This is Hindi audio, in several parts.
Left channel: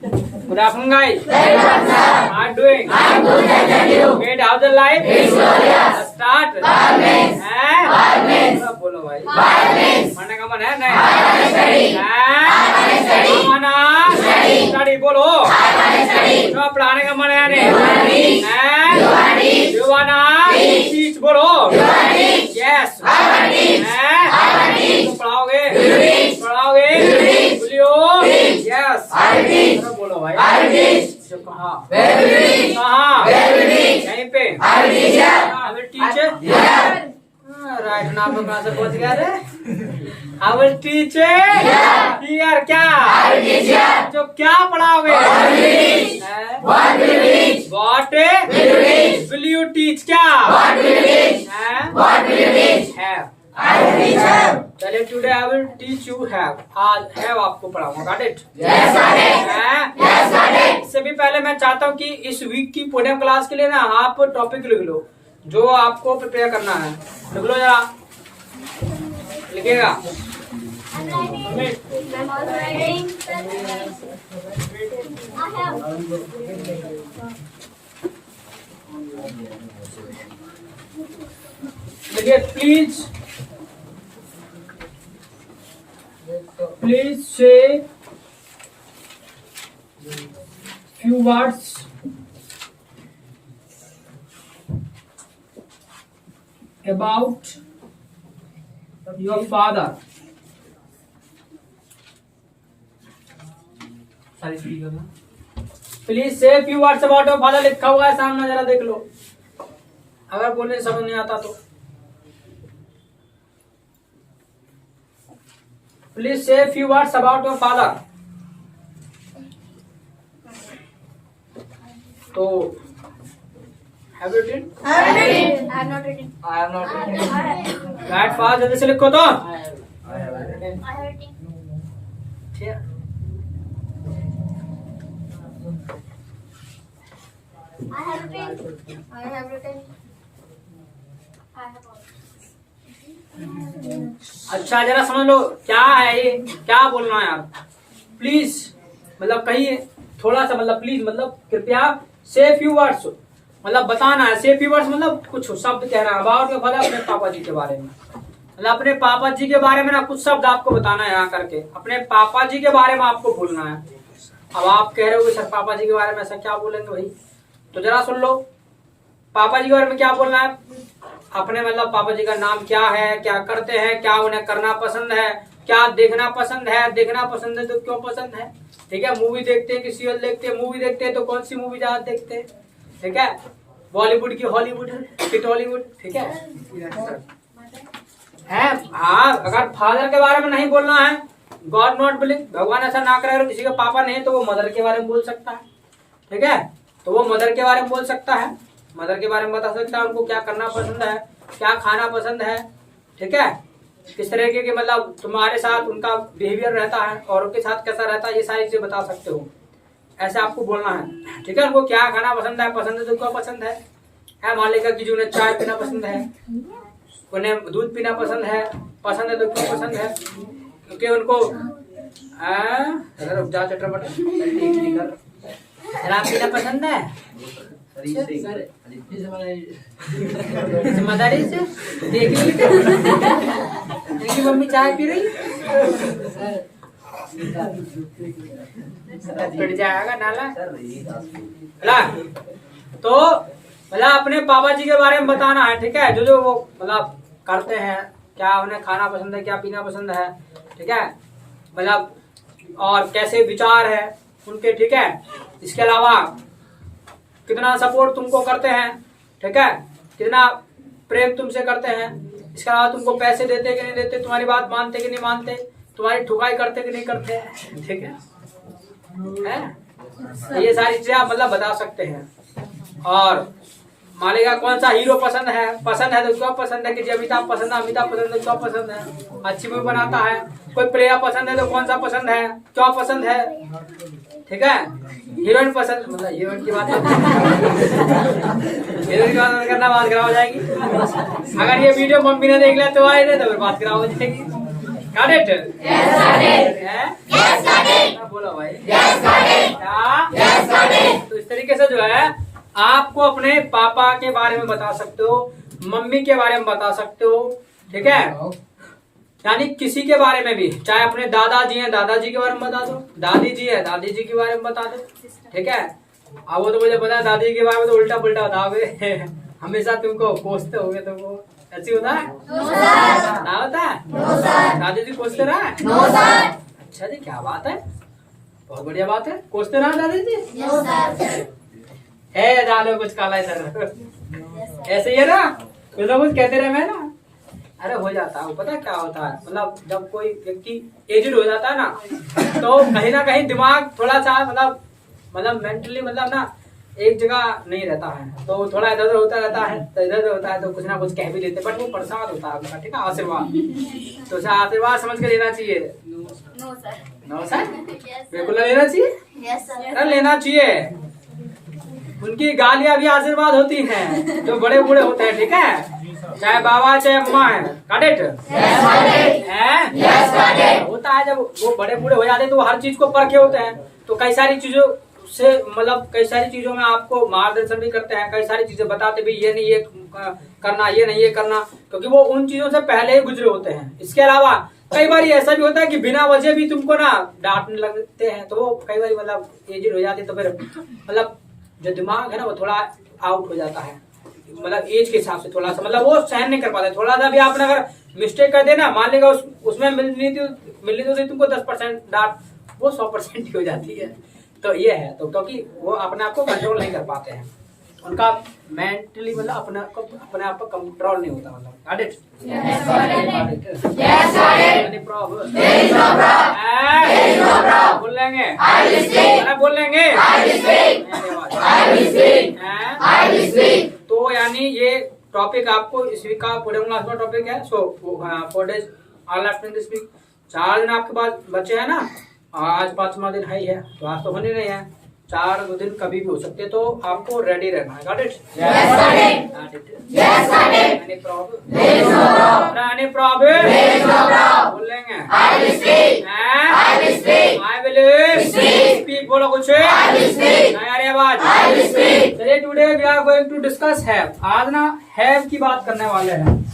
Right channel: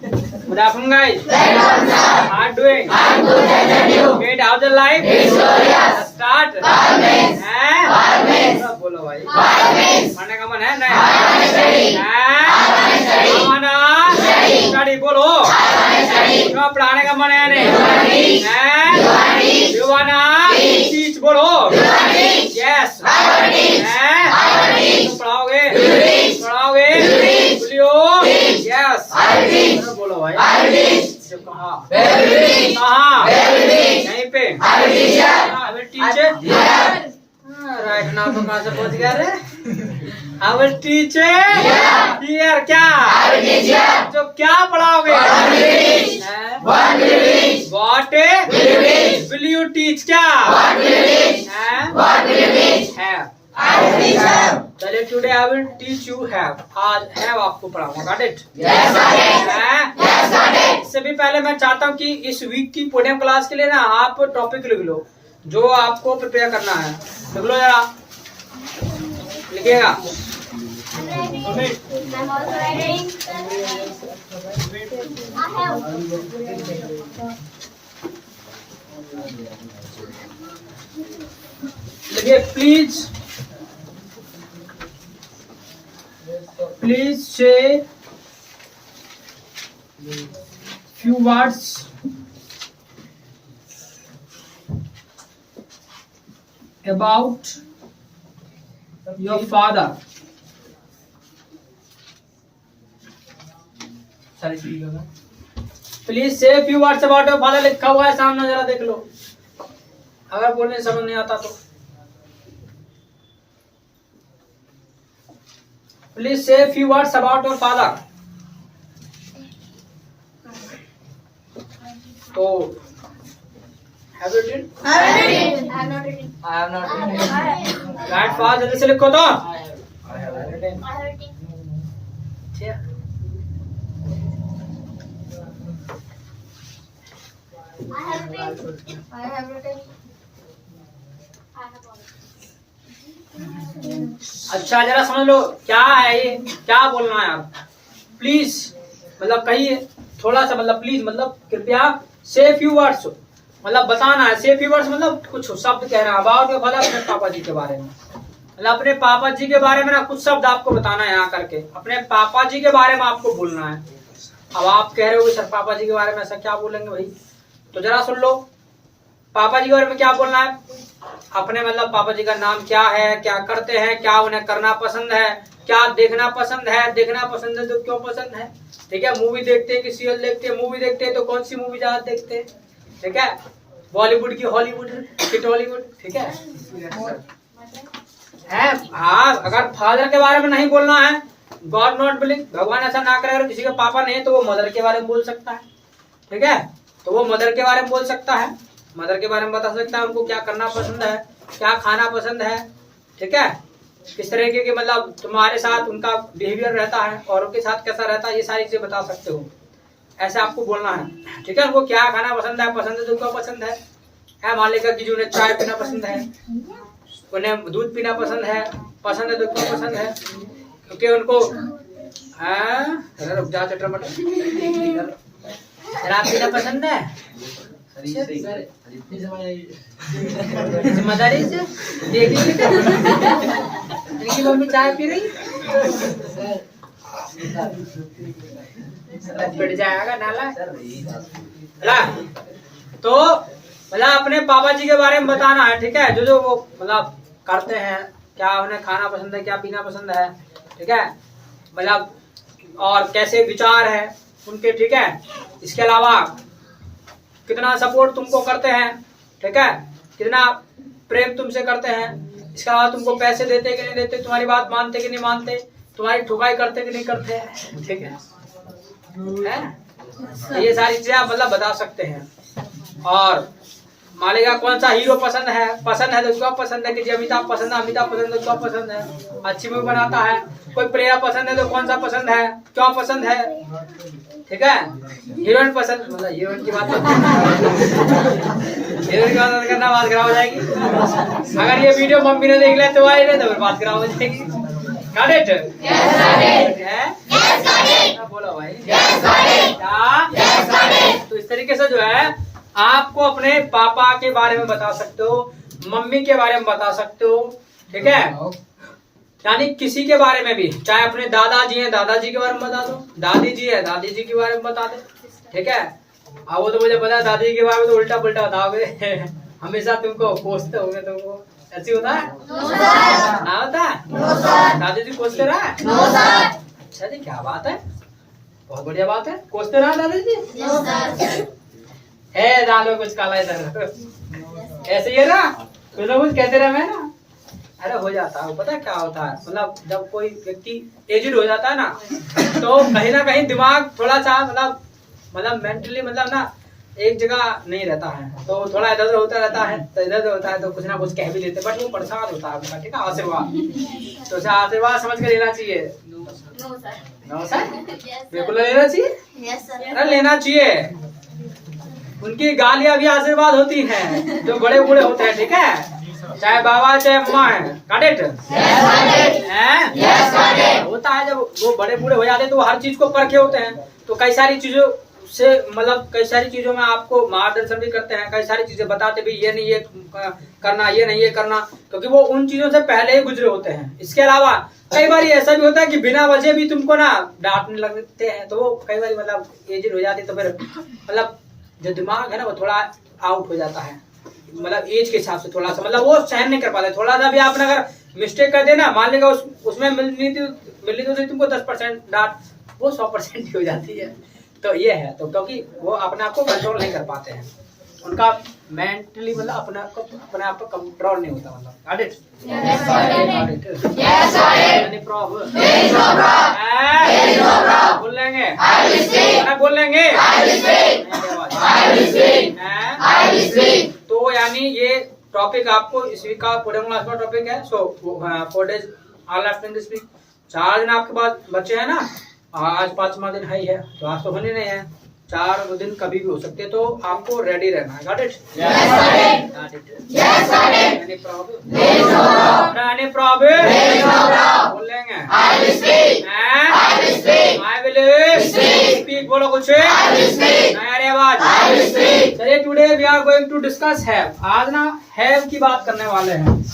Good afternoon, guys. How are you doing? I'm good, thank you. Great. How's the life? It's glorious. Start. Balance. Balance. बोलो भाई. Balance. पढ़ने का मन है नहीं? स्टडी बोलो. तो पढ़ाने का मन है नहीं? You wanna teach बोलो. Yes. तुम पढ़ाओगे? पढ़ाओगे? बोलियो. Yes. बोलो भाई. कहाँ? यहीं पे. टीचर. राइट नाम तो कहाँ से पहुँच गया रे? I will teach here क्या? जो क्या पढ़ाओगे? What will you teach क्या? Have. चलिए today I will teach you have. आज have आपको पढ़ाऊंगा. Got it? Yes, got it. इससे भी पहले मैं चाहता हूँ कि इस वीक की पोडियम क्लास के लिए ना आप टॉपिक लिख लो जो आपको प्रिपेयर करना है. लिख लो जरा. लिखिएगा. लिखिए please say few words about your father. Please say few words about your father. लिखा हुआ है सामने, जरा देख लो. अगर बोलने समझ नहीं आता तो Please say few words about your father. तो have you written? I have not written. I have not written. That fast जल्दी से लिखो तो. I have written. अच्छा जरा समझ लो क्या है ये, क्या बोलना है आप. प्लीज मतलब कहिए थोड़ा सा, मतलब प्लीज मतलब कृपया. से फ्यू वर्ड्स मतलब बताना है. से फ्यू वर्ड्स मतलब कुछ शब्द कहना है अबाउट योर फादर, अपने पापा जी के बारे में. मतलब अपने पापा जी के बारे में ना कुछ शब्द आपको बताना है यहाँ करके. अपने पापा जी के बारे में आपको बोलना है. अब आप कह रहे हो सर पापा जी के बारे में ऐसा क्या बोलेंगे भाई, तो जरा सुन लो. पापा जी के बारे में क्या बोलना है. अपने मतलब पापा जी का नाम क्या है, क्या करते हैं, क्या उन्हें करना पसंद है, क्या देखना पसंद है. देखना पसंद है तो क्यों पसंद है. ठीक है. मूवी देखते हैं कि सीरियल देखते हैं. मूवी देखते हैं तो कौन सी मूवी ज्यादा देखते हैं. ठीक है. बॉलीवुड की हॉलीवुड की टॉलीवुड. ठीक है. हाँ अगर फादर के बारे में नहीं बोलना है, गॉड नॉट बिलिंग, भगवान ऐसा ना करे, अगर किसी का पापा नहीं है तो वो मदर के बारे में बोल सकता है. ठीक है. तो वो मदर के बारे में बोल सकता है. मदर के बारे में बता सकता है उनको क्या करना पसंद है, क्या खाना पसंद है. ठीक है. किस तरह के मतलब तुम्हारे साथ उनका बिहेवियर रहता है और उनके साथ कैसा रहता है, ये सारी चीजें बता सकते हो. ऐसे आपको बोलना है. ठीक है. उनको क्या खाना पसंद है तो क्यों पसंद है. मान लेगा कि जो उन्हें चाय पीना पसंद है, उन्हें दूध पीना पसंद है तो क्यों पसंद है. क्योंकि उनको रुक जा चटरपट शराब पीना पसंद है. जिम्मेदारी से देखिए इनकी मम्मी चाय पी रही पिट जाएगा नाला. तो मतलब अपने पापा जी के बारे में बताना है. ठीक है. जो वो मतलब करते हैं, क्या उन्हें खाना पसंद है, क्या पीना पसंद है. ठीक है. मतलब और कैसे विचार है उनके. ठीक है. इसके अलावा कितना सपोर्ट तुमको करते हैं. ठीक है. कितना प्रेम तुमसे करते हैं. इसके अलावा तुमको पैसे देते कि नहीं देते, तुम्हारी बात मानते कि नहीं मानते, तुम्हारी ठुकाई करते कि नहीं करते. ठीक है. ये सारी चीजें आप मतलब बता सकते हैं. और मान लीजिए कौन सा हीरो पसंद है तो क्यों पसंद है. कि जी अमिताभ पसंद है तो क्यों पसंद है. अच्छी मूवी बनाता है. कोई प्लेयर पसंद है तो कौन सा पसंद है, क्यों पसंद है. ठीक है. हीरोइन पसंद, मतलब हीरोइन की बात करना बात खराब हो जाएगी. अगर ये वीडियो मम्मी ने देख लिया तो तो फिर बात खराब हो जाएगी. Got it? Yes, got it. बोलो भाई। क्या? तो इस तरीके से जो है आपको अपने पापा के बारे में बता सकते हो, मम्मी के बारे में बता सकते हो, ठीक है। यानी किसी के बारे में भी, चाहे अपने दादाजी हैं दादाजी के बारे में बता दो, दादी जी है दादी जी के बारे में बता दो, ठीक है। अब वो तो मुझे पता है दादी के बारे में तो उल्टा पुल्टा बताओगे हमेशा तुमको कोसते होंगे, तुमको ऐसी होता है ना होता है? दादी जी कोसते रहा है? अच्छा जी, क्या बात है, बहुत बढ़िया बात है। कोसते रहा दादी जी? डालो कुछ काला इधर, ऐसे ही है ना, कुछ ना कुछ कहते रहे मैं ना। अरे हो जाता है, पता है क्या होता है, मतलब जब कोई व्यक्ति एजेड हो जाता है ना, तो कहीं ना कहीं दिमाग थोड़ा सा मतलब मेंटली मतलब ना एक जगह नहीं रहता है, तो थोड़ा इधर उधर होता रहता है, तो इधर उधर होता है तो कुछ ना कुछ कह भी लेते, बट वो प्रसाद होता है आपका, ठीक है, आशीर्वाद। तो उसे आशीर्वाद समझ कर लेना चाहिए। नो सर, बिल्कुल लेना चाहिए, अरे लेना चाहिए। उनकी गालियां भी आशीर्वाद होती हैं, जो बड़े बूढ़े होते हैं, ठीक है, चाहे बाबा चाहे अम्मा है, काटेट होता है। जब वो बड़े बूढ़े हो जाते हैं तो वो हर चीज को परखे होते हैं, तो कई सारी चीजों से मतलब कई सारी चीजों में आपको मार्गदर्शन भी करते हैं, कई सारी चीजें बताते भी, ये नहीं ये करना, ये नहीं ये करना, क्योंकि वो उन चीजों से पहले ही गुजरे होते हैं। इसके अलावा कई बार ऐसा भी होता है कि बिना वजह भी तुमको ना डांटने लगते हैं, तो वो कई बार मतलब एजेड हो जाती है, तो फिर मतलब जो दिमाग है ना वो थोड़ा आउट हो जाता है, मतलब एज के हिसाब से थोड़ा सा मतलब वो सहन नहीं कर पाते। थोड़ा सा भी आपने अगर मिस्टेक कर देना, मान लेगा उसमें मिलनी तो तुमको 10% डांट, वो 100% हो जाती है। तो ये है, तो क्योंकि वो अपने आप को कंट्रोल नहीं कर पाते हैं, उनका मेंटली मतलब अपने आप को कंट्रोल नहीं होता, मतलब बोल लेंगे तो यानी ये टॉपिक आपको इस वीक का पूरे क्लास का टॉपिक है। So 4 days all after this week, 4 दिन आपके पास बच्चे हैं ना, आज 5वां दिन है, तो आज तो होने नहीं है, 4 दिन कभी भी हो सकते, तो आपको रेडी रहना है। Got it? Any problem? बोल लेंगे आई विल स्पीक, बोलो कुछ नया रे आवाज। चलिए, today we are going to discuss have. आज ना हैव की बात करने वाले हैं,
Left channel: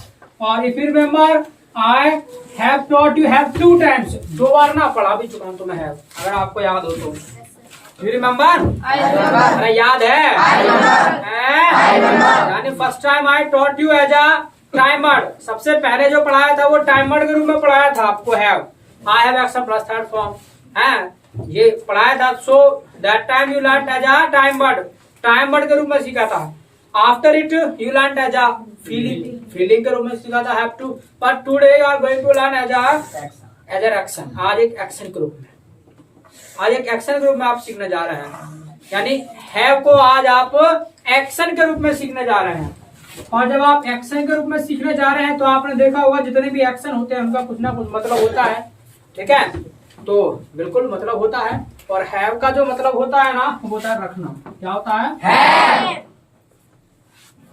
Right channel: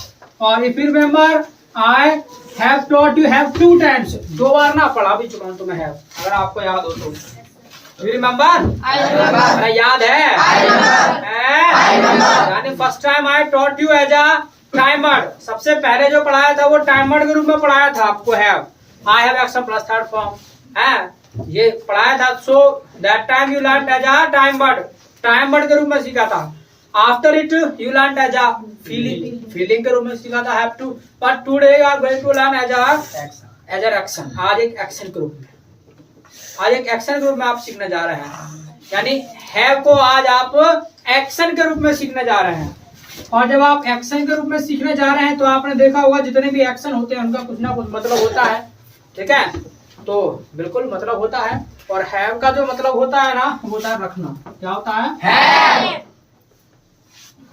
और if you remember I have taught you have 2 times, 2 बार ना पढ़ा भी चुका हूँ तुम्हें हैव, अगर आपको याद हो तो। You remember? अरे याद है? यानी first time I taught you as a timer, सबसे पहले जो पढ़ाया था वो टाइमर के रूप में पढ़ाया था आपको have. I have action plus third form है, ये पढ़ाया था। So that time you learn as a time word के रूप में सीखा था। After it you learn as a feeling के रूप में सीखा था have to, but today you are going to learn as a action. आज एक एक्शन के रूप में, आज एक एक्शन के रूप में आप सीखने जा रहे हैं, यानी हैव को आज आप एक्शन के रूप में सीखने जा रहे हैं। और जब आप एक्शन के रूप में सीखने जा रहे हैं तो आपने देखा होगा जितने भी एक्शन होते हैं उनका कुछ ना कुछ मतलब होता है, ठीक है, तो बिल्कुल मतलब होता है। और हैव का जो मतलब होता है ना वो होता है रखना। क्या होता है?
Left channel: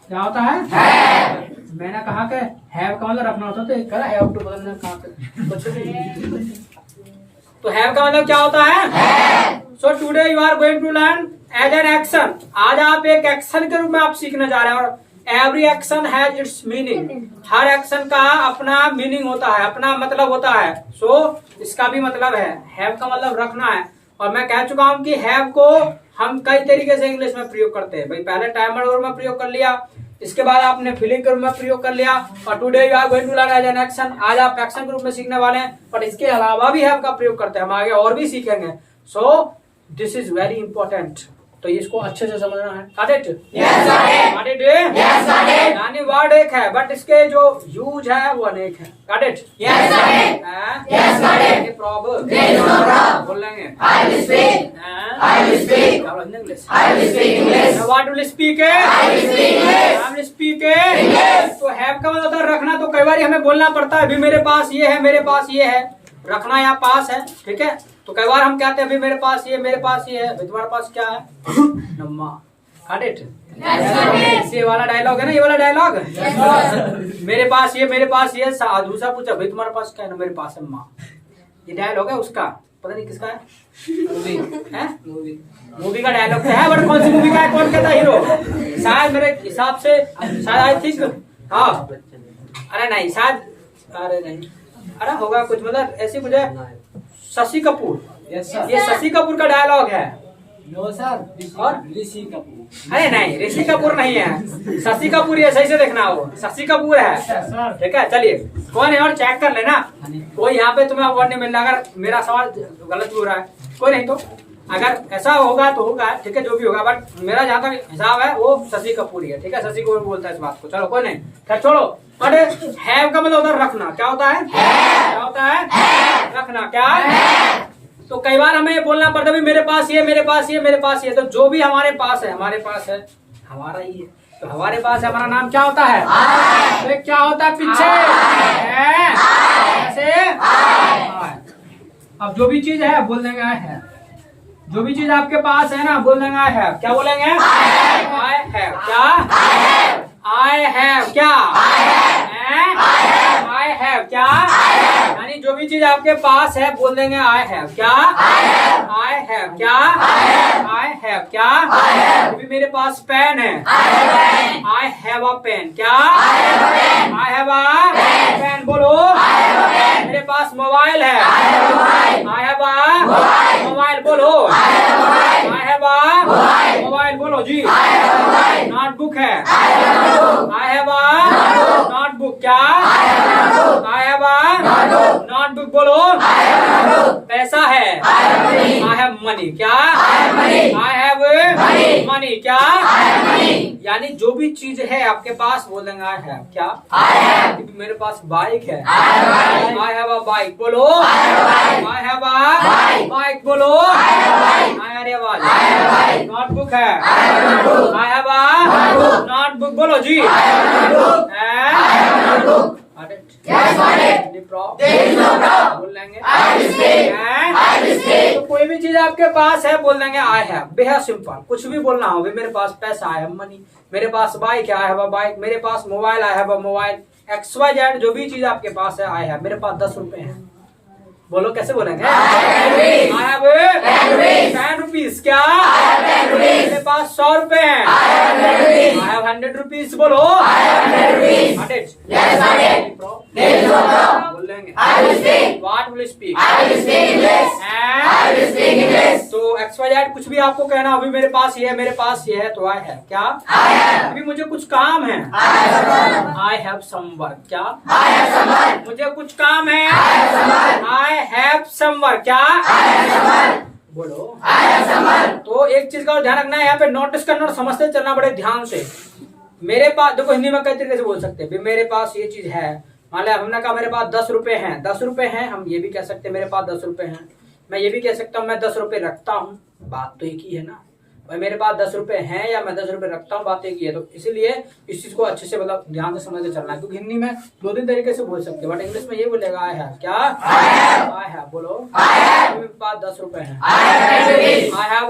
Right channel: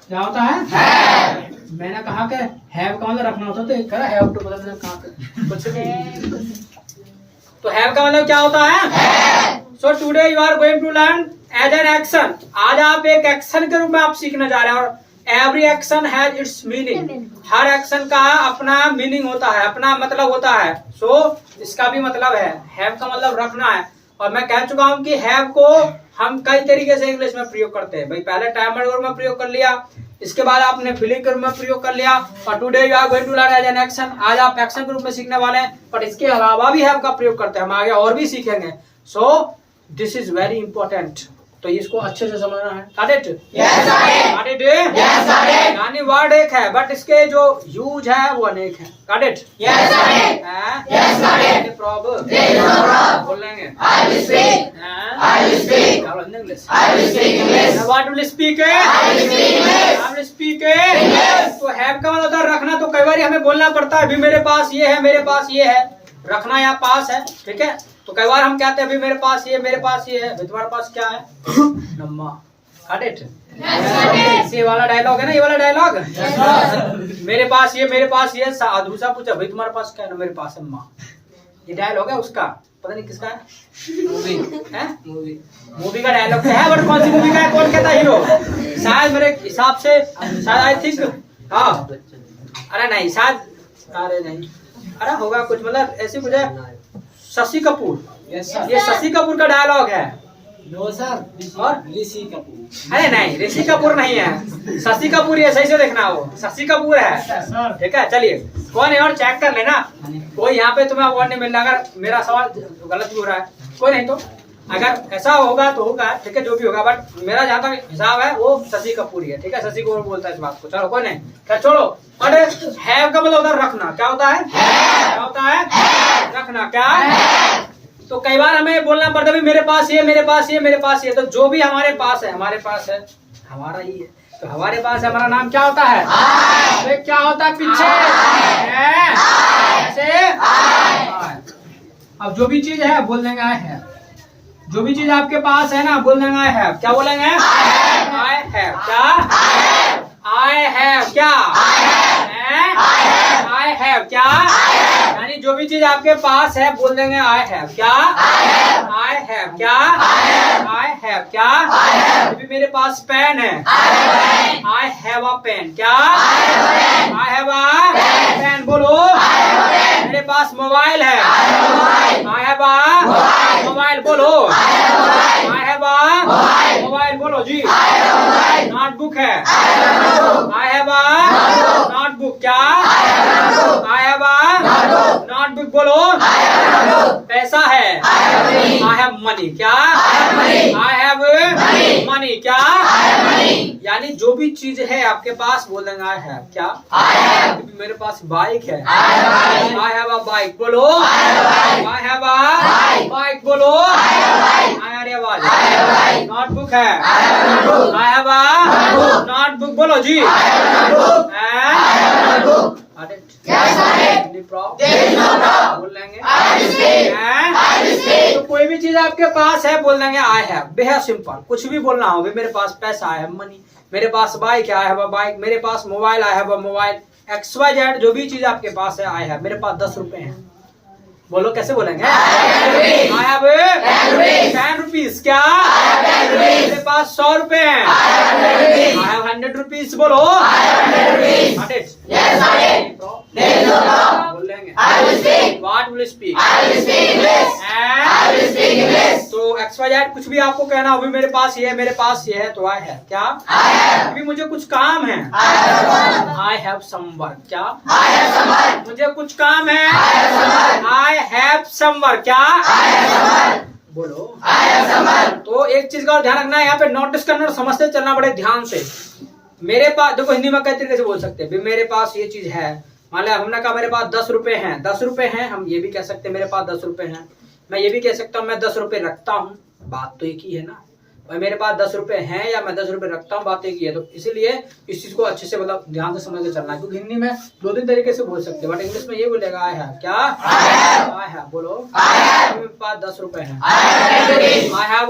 क्या होता है? मैंने कहा कि हैव का मतलब रखना होता है, तो कहा हैव टू पता नहीं कहाँ पे कुछ भी। तो हैव का मतलब क्या होता है? So today you are going to learn as an action. आज आप एक एक्शन के रूप में आप सीखने जा रहे हैं, और every action has its meaning. Her action का अपना मीनिंग होता है, अपना मतलब होता है। सो इसका भी मतलब है, हैव का मतलब रखना है। और मैं कह चुका हूं कि हैव को हम कई तरीके से इंग्लिश में प्रयोग करते हैं। भाई पहले टाइमर के रूप में प्रयोग कर लिया, इसके बाद आपने फीलिंग के रूप में प्रयोग कर लिया, और today you are going to learn as an action. आज आप एक्शन के रूप में सीखने वाले हैं, पर इसके अलावा भी हैव का प्रयोग करते हैं, हम आगे और भी सीखेंगे। So this is very important, तो इसको अच्छे से समझना है। Got it? Yes, got it? Yes, got it? यानी वर्ड एक है, बट इसके जो यूज है वो अनेक है। Got it? Yes, got it? Yes, got it? Any problem? There is no problem. बोल लेंगे? I will speak. I will speak. English. I will speak English. What will speak? I will speak English. I will speak English. तो have का मतलब होता है रखना, तो कई बार हमें बोलना पड़ता है, अभी मेरे पास ये है, मेरे पास ये है। रखना या पास है, ठीक है, तो कई बार हम कहते हैं अभी मेरे पास ये, मेरे पास ये है। भाई तुम्हारे पास क्या है? नम्मा। Got it? ये वाला डायलॉग है ना, ये वाला डायलॉग मेरे पास ये, मेरे पास ये। दूसरा पूछा भाई तुम्हारे पास क्या है ना, मेरे पास है माँ। ये डायलॉग है उसका, पता नहीं किसका है, मूवी हैं? मूवी मूवी का डायलॉग तो है, बट कौन सी मूवी का है, कौन कहता हीरो? शायद मेरे हिसाब से शायद आई थिंक, हाँ, अरे नहीं शायद, अरे नहीं, अरे होगा कुछ, मतलब ऐसे कुछ है, शशि कपूर, ये शशि कपूर का डायलॉग है। नो सर, और ऋषि कपूर। अरे नहीं, ऋषि कपूर नहीं है, शशि कपूर, ये सही से देखना, वो शशि कपूर है, ठीक है। चलिए कोई नहीं, और चेक कर लेना, कोई यहाँ पे तुम्हें अवार्ड नहीं मिलना अगर मेरा सवाल गलत भी हो रहा है, कोई नहीं, तो अगर ऐसा होगा तो होगा, ठीक है, जो भी होगा, बट मेरा जहाँ तक हिसाब है वो शशि कपूर ही है, ठीक है, शशि कपूर बोलता है इस बात को। चलो कोई नहीं, खैर छोड़ो। और हैव का मतलब उधर रखना, क्या होता है, क्या होता है, रखना, क्या। तो कई बार हमें ये बोलना पड़ता है मेरे पास ये, मेरे पास ये, मेरे पास ये, तो जो भी हमारे पास है, हमारे पास है, हमारा ही है, तो हमारे पास है, हमारा नाम क्या होता है, तो क्या होता है पीछे, ऐसे। अब जो भी चीज है बोल देंगे आई है, जो भी चीज आपके पास है ना बोल देंगे आई है, क्या बोलेंगे, आई है, क्या, आई है, क्या, आई है, क्या, यानी जो भी चीज आपके पास है बोल देंगे आई है, क्या, आई है, क्या, आई है, क्या। अभी मेरे पास पेन है, आई हैव अ पेन, क्या, आई हैव अ पेन, बोलो। मेरे पास मोबाइल है, आई हैव अ मोबाइल, बोलो। आई हैव अ मोबाइल, बोलो जी। नोटबुक है, आई हैव अ नोटबुक, क्या, आई हैव अ नोटबुक, बोलो। पैसा है, आई हैव मनी, क्या, आई हैव मनी, क्या। यानी जो भी चीज है आपके पास बोल देंगे आई हैव, क्या, मेरे पास बाइक है, आई हैव अ बाइक, बोलो। आई हैव अ बाइक, बोलो। अरे वाह, नोटबुक है, आई हैव अ नोटबुक, बोलो जी। बोल लेंगे, तो कोई भी चीज आपके पास है बोल देंगे आई हैव, बेहद सिंपल, कुछ भी बोलना हो, मेरे पास पैसा है, मनी, मेरे पास बाइक है, आई हैव अ बाइक, मेरे पास mobile, I have a mobile, XYZ जो भी चीज आपके पास है आई हैव, मेरे पास 10 रुपए हैं, बोलो कैसे बोलेंगे, आई हैव 10 रुपीज, क्या, मेरे पास 100 रुपए हैं, आई हैव 100 रुपीज, बोलो। 100, बोल लेंगे, व्हाट विल स्पीक, तो XYZ कुछ भी आपको कहना हो, भी मेरे पास ये है, मेरे पास ये है, तो आई है, क्या, अभी मुझे कुछ काम है, आई हैव सम वर्क, क्या, मुझे कुछ काम है, आई हैव सम वर्क, क्या, बोलो। तो एक चीज का और ध्यान रखना है, यहाँ पे नोटिस करना और समझते चलना बड़े ध्यान से। मेरे पास देखो, हिंदी में कई तरीके से बोल सकते हैं, मेरे पास ये चीज है, मान लिया हमने कहा मेरे पास 10 रुपए हैं, 10 रुपए हैं, हम ये भी कह सकते हैं मेरे पास 10 रुपए हैं, मैं ये भी कह सकता हूँ मैं 10 रुपए रखता हूँ, बात तो एक ही है ना, भाई मेरे पास 10 रुपए हैं या मैं 10 रुपए रखता हूँ, बात एक ही है। तो इसीलिए इस चीज को अच्छे से मतलब ध्यान से समझ के चलना है, क्योंकि हिंदी में 2-3 तरीके से बोल सकते हैं, बट इंग्लिश में ये बोलेगा आई है, क्या, आई है, बोलो। मेरे पास 10 रुपए हैं, आई हैव,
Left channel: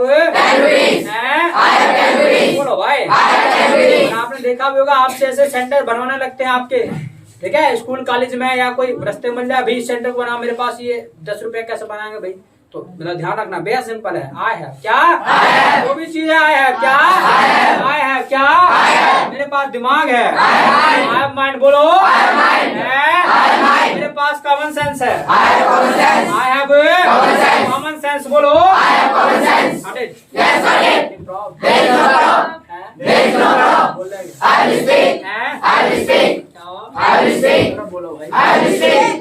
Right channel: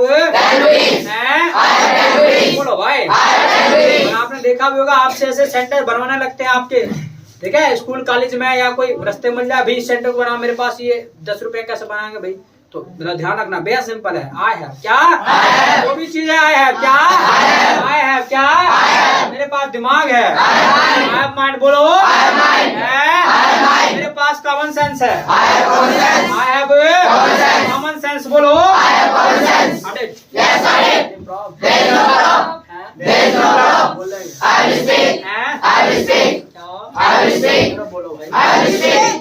बोलो भाई। और आपने देखा भी होगा, आपसे ऐसे सेंटर बनवाने लगते हैं आपके, ठीक है, स्कूल कॉलेज में या कोई रास्ते मिल जाए, अभी सेंटर को बना, मेरे पास ये 10 रुपए कैसे बनाएंगे भाई, तो मेरा ध्यान रखना, बेहद सिंपल है, आई है, क्या, जो भी चीज है आई है, क्या, आई है, क्या, मेरे पास दिमाग है, आई हैव माइंड, बोलो। मेरे पास कॉमन सेंस है, आई हैव कॉमन सेंस, बोलो। बोलो भाई।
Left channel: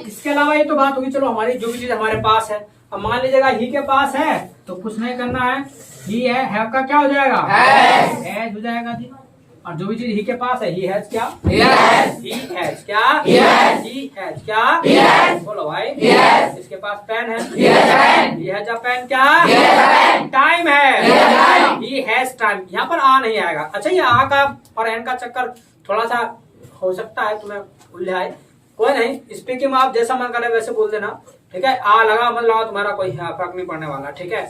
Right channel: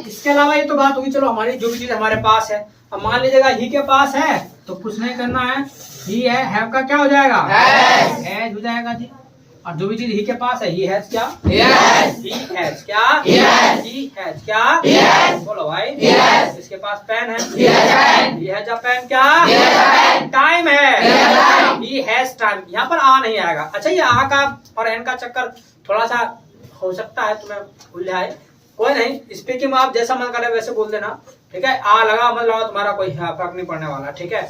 इसके अलावा ये तो बात होगी, चलो हमारी जो भी चीज हमारे पास है, अब मान लीजिएगा ही के पास है तो कुछ नहीं करना है, ही है, हैव का क्या हो जाएगा, हैज हो जाएगा जी। और जो भी चीज ही के पास है, ही हैज, क्या, ही हैज, क्या, ही हैज, क्या, बोलो भाई। इसके पास पेन है, ही हैज अ पेन, क्या, टाइम है, ही हैज टाइम, यहाँ पर आ नहीं आएगा। अच्छा, ये आ का और एन का चक्कर थोड़ा सा हो सकता है तुम्हें उलझाए, कोई नहीं, स्पीकिंग में आप जैसा मन करे वैसे बोल देना, ठीक है, आ लगा मन लगा तुम्हारा कोई फर्क नहीं पड़ने वाला, ठीक है,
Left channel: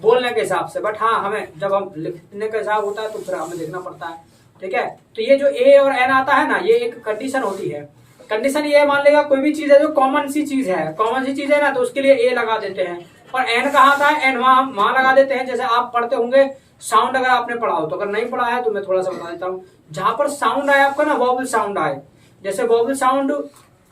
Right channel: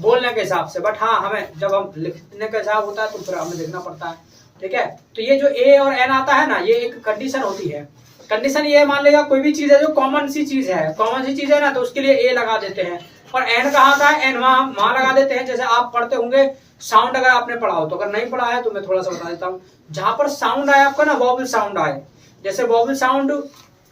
बोलने के हिसाब से। बट हाँ, हमें जब हम लिखने का हिसाब होता है तो फिर हमें देखना पड़ता है, ठीक है। तो ये जो ए और एन आता है ना, ये एक कंडीशन होती है। कंडीशन ये मान लेगा कोई भी चीज है जो कॉमन सी चीज है, कॉमन सी चीज है ना, तो उसके लिए ए लगा देते हैं। और एन कहाँ था, एन वहां लगा देते हैं। जैसे आप पढ़ते होंगे साउंड, अगर आपने पढ़ा हो तो, अगर नहीं पढ़ा है तो मैं थोड़ा सा बता देता हूँ। जहां पर साउंड आए आपका ना, वॉवल साउंड आए, जैसे वॉवल साउंड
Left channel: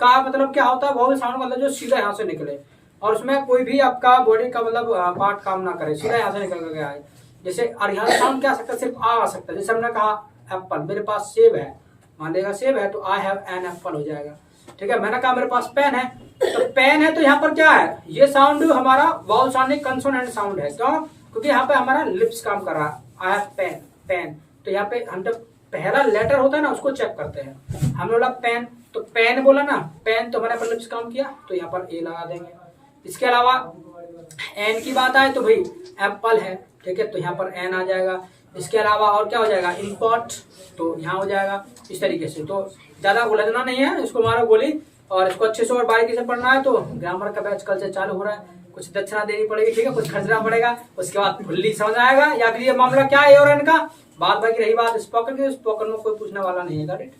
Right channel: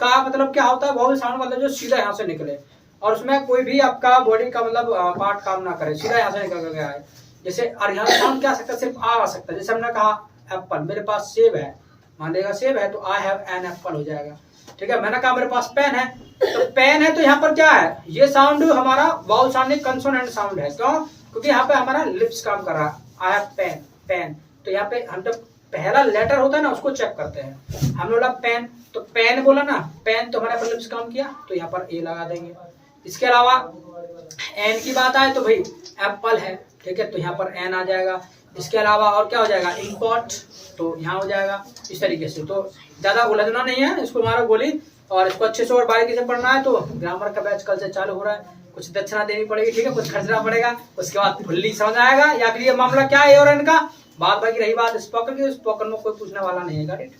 का मतलब क्या होता है, वॉवल साउंड मतलब जो सीधा यहाँ से निकले और उसमें कोई भी आपका बॉडी का मतलब पार्ट काम ना करे, सीधा यहाँ से निकल कर आए। जैसे अरिहंत साउंड क्या आ सकता है, सिर्फ आ सकता है। जैसे हमने कहा एप्पल, मेरे पास सेब है, मान लेगा सेब है तो आई हैव एन एप्पल हो जाएगा। ठीक है, मैंने कहा मेरे पास पेन है, तो पेन है तो यहाँ पर क्या है, ये साउंड हमारा वाउल साउंड नहीं, कंसोनेंट साउंड है। क्यों? क्योंकि यहाँ पे हमारा लिप्स काम कर रहा है। आई हैव पेन, पेन, तो यहाँ पे हम जब पहला लेटर होता है ना उसको चेक करते हैं। हम बोला पेन, तो पेन बोला ना, पेन तो हमारे पर लिप्स काम किया, तो यहाँ पर ए लगा देंगे। इसके अलावा एन की बात आए तो भाई एप्पल है, ठीक है, तो यहाँ पर एन आ जाएगा। इसके अलावा और क्या हो जाएगा, इम्पोर्ट, तो यहाँ हो जाएगा। इस तरीके से तो ज्यादा उलझना नहीं है, इसको मारो गोली और इसको अच्छे से और बारीकी से पढ़ना है। तो ग्रामर का बैच कल से चालू हो रहा है, कुछ दक्षिणा देनी पड़ेगी, ठीक है, कुछ खर्चना पड़ेगा, उसके बाद फुल्ली समझ आएगा। या फिर ये मामला क्या है और इनका बात भाई की रही बात स्पोकन की, स्पोकन में कोई पूछने वाला नहीं है। got it?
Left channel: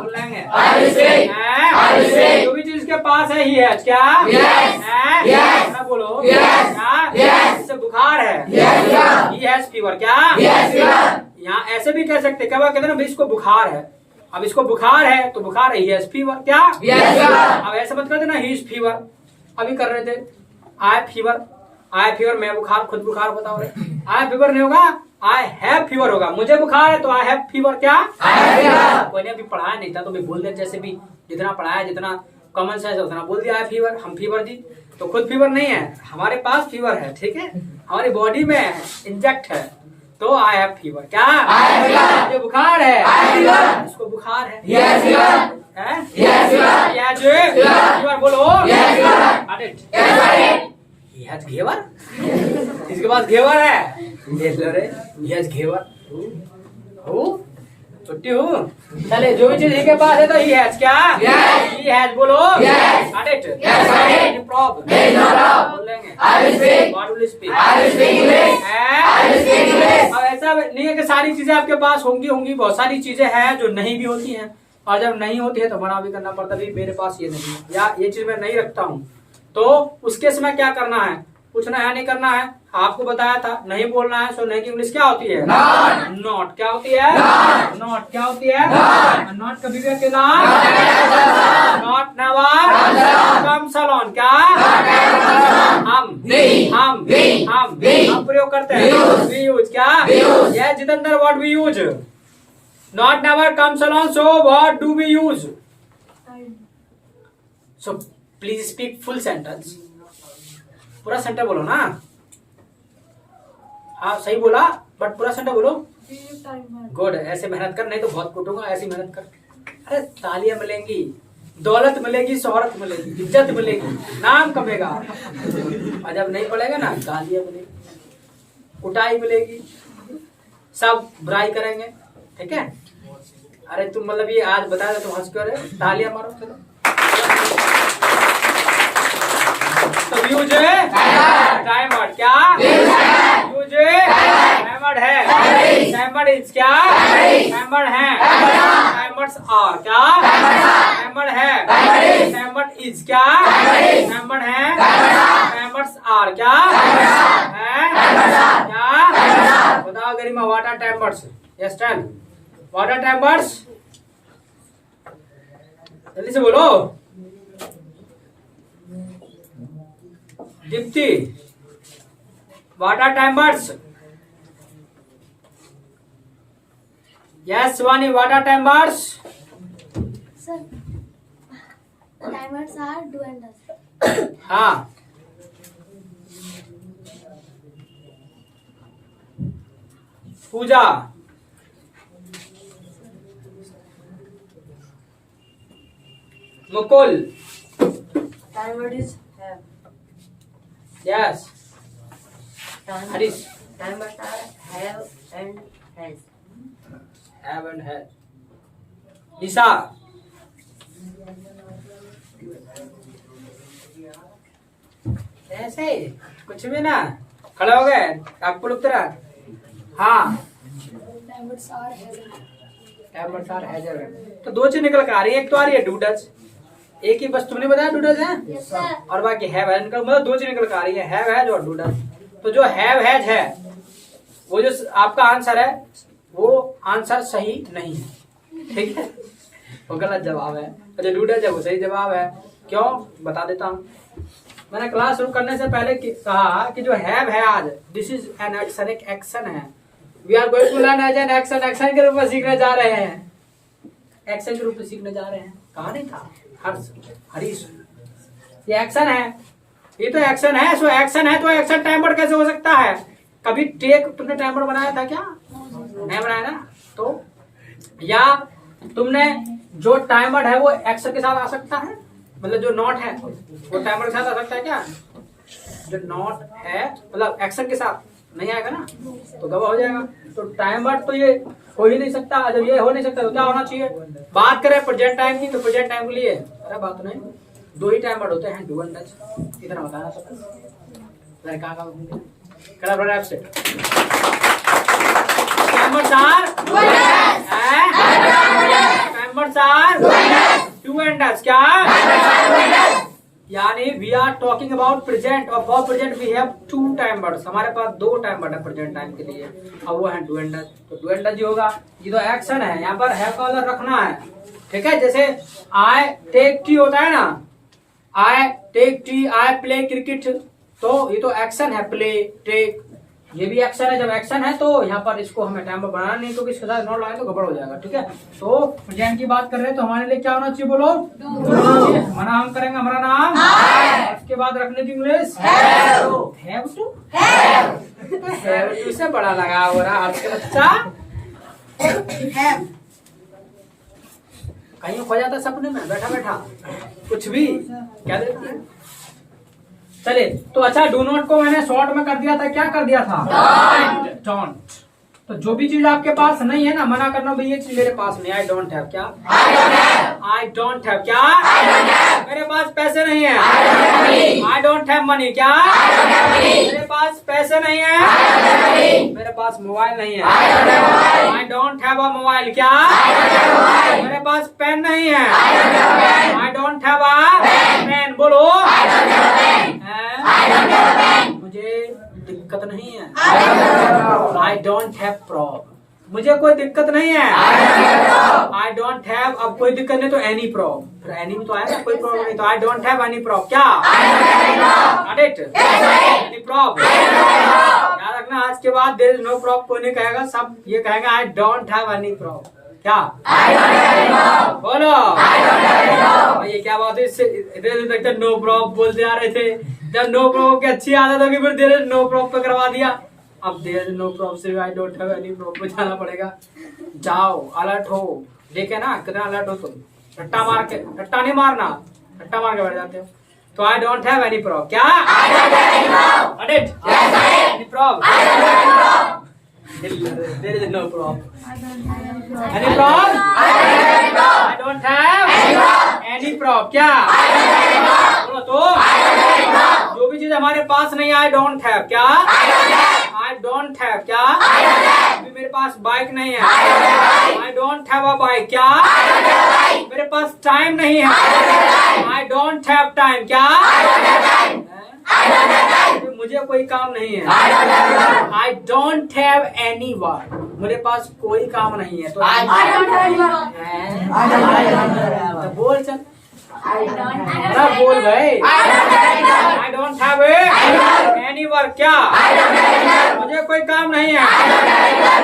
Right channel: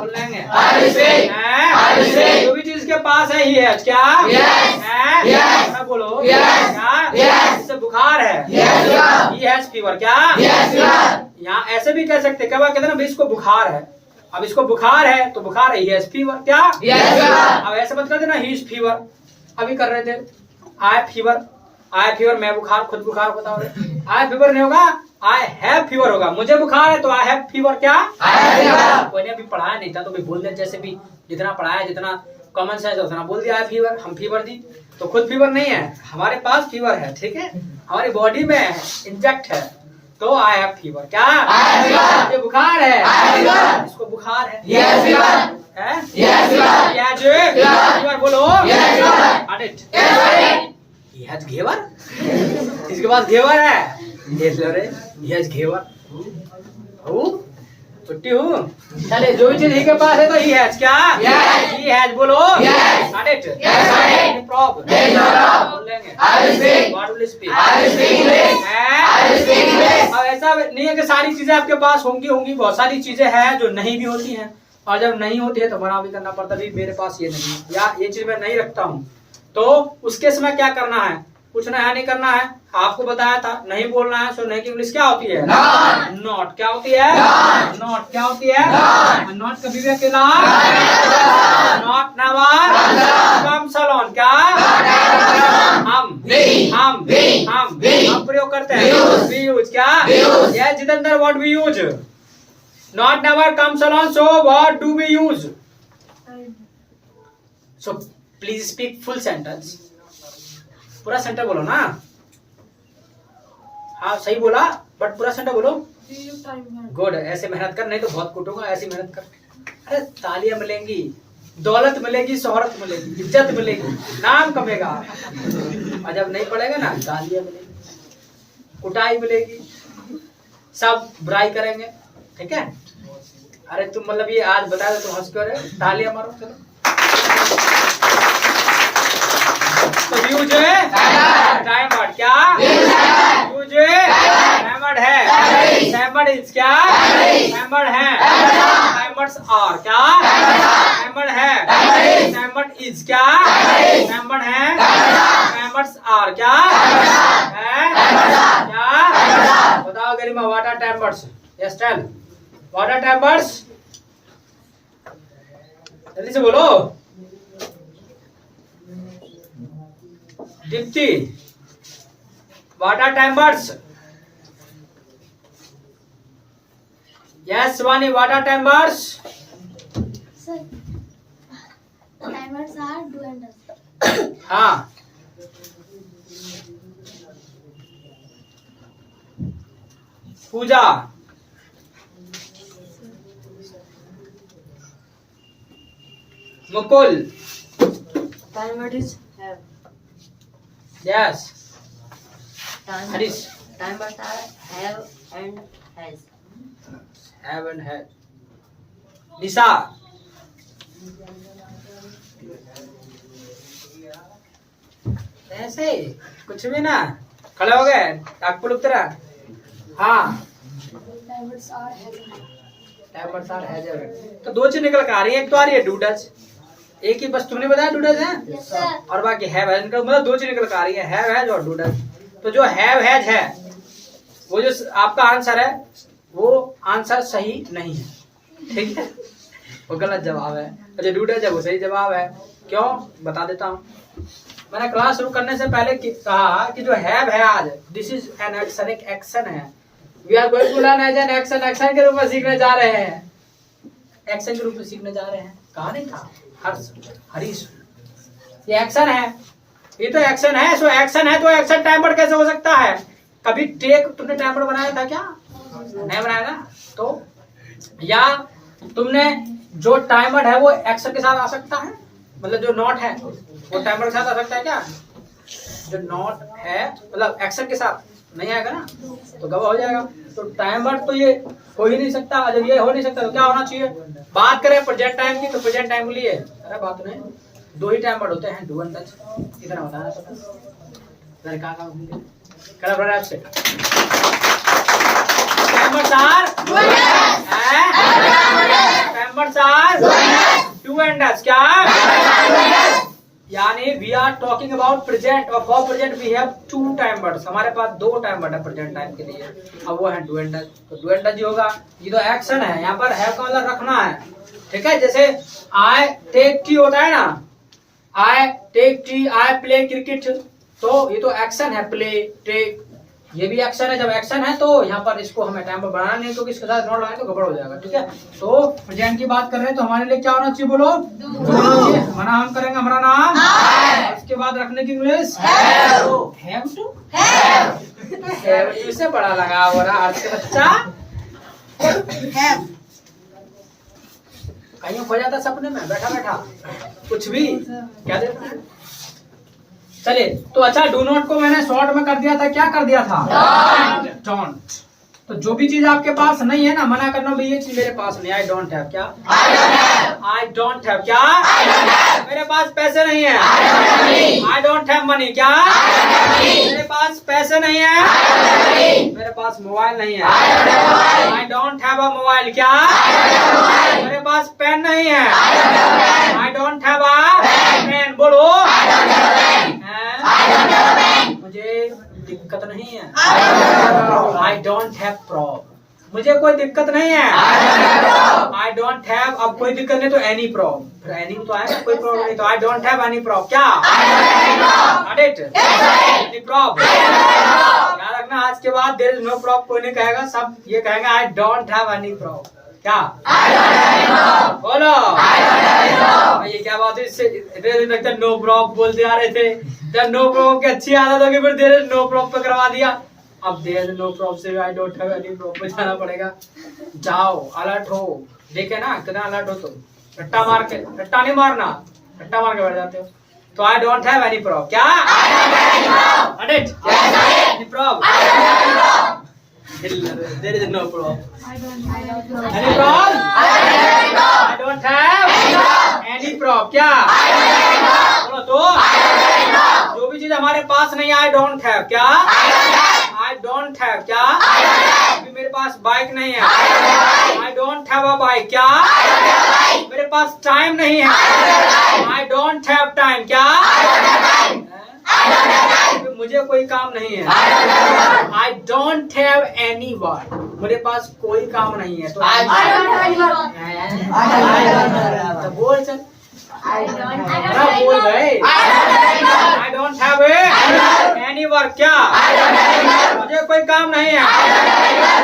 बोलेंगे जो भी चीज के पास है ही है क्या, मैं बोलो इससे बुखार है, ही हैज फीवर, क्या यहाँ ऐसे भी कह सकते, क्या कहते हैं ना, इसको बुखार है, अब इसको बुखार है तो बुखार है, ही हैज फीवर, क्या अब ऐसे मत कर देना ही इज फीवर। अभी कर रहे थे आई फीवर, आई फीवर, मैं बुखार, खुद बुखार होता है, आई फीवर नहीं होगा, आई हैव फीवर होगा। मुझे बुखार है तो आई हैव फीवर, क्या कोई ने अभी पढ़ाया नहीं था तो भी बोल दे, जैसे भी जितना पढ़ाया, जितना कॉमन सेंस उतना बोल दिया। आई फीवर, हम फीवर दी, तो खुद फीवर नहीं है, हमारे पास फीवर है, ठीक है, हमारी बॉडी में इंजेक्ट है, तो आई हैव फीवर, क्या मुझे बुखार है, इसको बुखार है, फीवर बोलो, घेवर, इसके पास घेवर है, घेवर छुट्टी हूँ। चले, जो भी चीज ही के पास है तो ही हैज, क्या ही हैज बोलो, अब ऐसा नहीं है कि सारी चीजें आपके पास होंगी, बहुत सारी चीजें हैं जो नहीं भी होती हैं, और जब नहीं होती है तो मना भी करना पड़ता है, मेरे पास ये नहीं है या ये चीज मैं नहीं रखता हूँ, तो उसके समय क्या करना है, कुछ नया नहीं करना है। आपको बताया था नहीं बोलना है, सो नहीं की इंग्लिश क्या होती है, नॉट, क्या होती है, नॉट, क्या होती है, नॉट कभी भी अकेला, नॉट नेवर, कम सलोन, क्या हम प्रयोग करते हैं, वी यूज, क्या ये Jitendra, what we use, not never come salon, so what do we use, so please speak full sentence, पूरा सेंटेंस बोलो ना, हाँ सही बोला बट पूरा सेंटेंस बोलो, गुड, ऐसे मेहनत कर, नहीं तो बहुत कूटूंगा, ऐसी मेहनत कर। अरे तालियां मिलेंगी, दौलत मिलेगी, शोहरत मिलेगी, इज्जत मिलेगी, नाम कमेगा, और जब नहीं पड़ेगा ना, गालियां मिलेगी, कुटाई मिलेगी, सब बुराई करेंगे, ठीक है। अरे तुम मतलब ये आज बता दे, तुम हंस क्यों रहे, तालियां मारो, चलो। तो यूज टाइम वर्ड, क्या यूज हैमर्ड है, हैमर्ड इज, क्या हैमर्ड है, हैमर्ड्स आर, क्या हैमर्ड है, हैमर्ड इज, क्या हैमर्ड है, हैमर्ड्स आर, क्या है, क्या बताओ Garima, what are timers, yes tell, what are timers, जल्दी से बोलो। Deepti, what are timers, yes Vani, what are timers, Sir, timers are do and does. हाँ Pooja, Mukul, Timer is have. Yes Timer, Harish, timers are have and has. Have and है, निशा, ऐसे ही कुछ भी ना, खड़े हो गए, टाकपुल उतरा, हाँ Timers are has and have. Timers are has, तो दो चीज निकल कर आ रही है, एक तो आ रही है डू डज, एक ही बस तुमने बताया डूडल्स है Yes, sir. और बाकी हैव हैज निकल मतलब दो चीज निकल कर आ रही है, हैव हैज और डूडल्स। तो जो हैव हैज है वो जो आपका आंसर है वो आंसर सही नहीं है, ठीक है, वो गलत जवाब है। अच्छा डूडल्स है वो सही जवाब है। क्यों बता देता हूँ। मैंने क्लास शुरू करने से पहले कहा कि जो हैव है आज दिस इज एन एक्शन, एक एक्शन है। We are going to learn as an action, action के रूप में सीखने जा रहे हैं, एक्शन के रूप में सीखने जा रहे हैं। कहा नहीं था हरीश, ये एक्शन है, ये तो एक्शन है। सो एक्शन है तो एक्शन टाइमर कैसे हो सकता है? कभी टेक तुमने टाइमर बनाया था क्या? नहीं बनाया ना। तो या तुमने जो टाइमर है वो एक्शन के साथ आ सकता है, मतलब जो नॉट है वो टाइमर के साथ आ सकता है क्या? जो नॉट है मतलब एक्शन के साथ नहीं आएगा ना, तो गवा हो जाएगा। तो टाइमर तो ये हो ही नहीं सकता। जब ये हो नहीं सकता तो क्या होना चाहिए? बात करें प्रेजेंट टाइम की, तो प्रेजेंट टाइम के लिए अरे बात नहीं, दो ही टाइमर होते हैं, डू एंड डज। कितना बताना पता कहाँ आपसे डू एंड डज क्या? यानी we are talking about present और for present we have two timers. हमारे पास दो टाइमर है प्रेजेंट टाइम के लिए, अब वो है डू एंड डज। तो डू एंड डज होगा, ये तो एक्शन है, यहाँ पर है का मतलब रखना है, ठीक है। जैसे आई टेक टी होता है ना, I take tea, I play cricket, तो ये तो एक्शन है, प्ले टेक, ये भी एक्शन है। जब एक्शन है तो यहाँ पर इसको हमें टाइम पर बनाना नहीं, क्योंकि इसके साथ नॉट लगाए तो गड़बड़ हो जाएगा, ठीक है। तो प्रेजेंट की बात कर रहे हैं तो हमारे लिए क्या होना चाहिए बोलो? हमारा नाम करेंगे, हमारा नाम, और उसके बाद रखने की इंग्लिश हैव टू से बड़ा लगा हो रहा आज के बच्चा। कहीं खो जाता सपने में बैठा बैठा कुछ भी क्या देता है। चले तो अच्छा डू नॉट को मैंने शॉर्ट में कर दिया था, क्या कर दिया था? डोंट। तो जो भी चीज आपके पास नहीं है ना, मना करना भाई ये चीज मेरे पास नहीं, आई डोंट हैव क्या? आई डोंट हैव क्या? मेरे पास पैसे नहीं है, आई डोंट हैव मनी क्या? मेरे पास पैसे नहीं है, मेरे पास मोबाइल नहीं है, I don't have a mobile क्या? मेरे पास पेन नहीं है, I don't have a pen. बोलो मुझे दिक्कत नहीं है, आई डोंट हैव प्रॉब्लम। मुझे कोई दिक्कत नहीं है, आई डोंट हैव, अब कोई दिक्कत नहीं तो एनी प्रॉब्लम, फिर एनी तो आएगा, कोई प्रॉब्लम नहीं तो I don't have any problem क्या? Any problem. याद रखना आज के बाद देयर इज नो प्रॉब्लम कोई नहीं कहेगा, सब ये कहेंगे आई डोंट हैव एनी प्रॉब्लम क्या? बोलो ये क्या बात है? इससे इतने दिन तक नो प्रॉब्लम बोलते आ रहे थे, जब नो प्रॉब्लम की अच्छी आदत होगी फिर देयर इज नो प्रॉब्लम पे करवा दिया। अब देयर इज नो प्रॉब्लम से आई डोंट हैव एनी प्रॉब्लम पे जाना पड़ेगा। जाओ अलर्ट हो, देखे ना कितना अलर्ट हो तुम। रट्टा मार के, रट्टा नहीं मारना, रट्टा मार के बैठ जाते हो। तो I don't have any problem क्या? Any problem? There is no problem. Any problem? I don't have any problem. क्या? बोलो तो जो भी चीज हमारे पास नहीं है, I don't have क्या? I don't have क्या? अभी मेरे पास बाइक नहीं है, I don't have a bike क्या? मेरे पास टाइम नहीं है, I don't have time क्या? मुझे कोई काम नहीं है, I don't have any work. मेरे पास कोई काम नहीं है तो बोल चल, बोल भाई आई डोंट हैव एनी वर्क क्या? मुझे कोई काम नहीं है,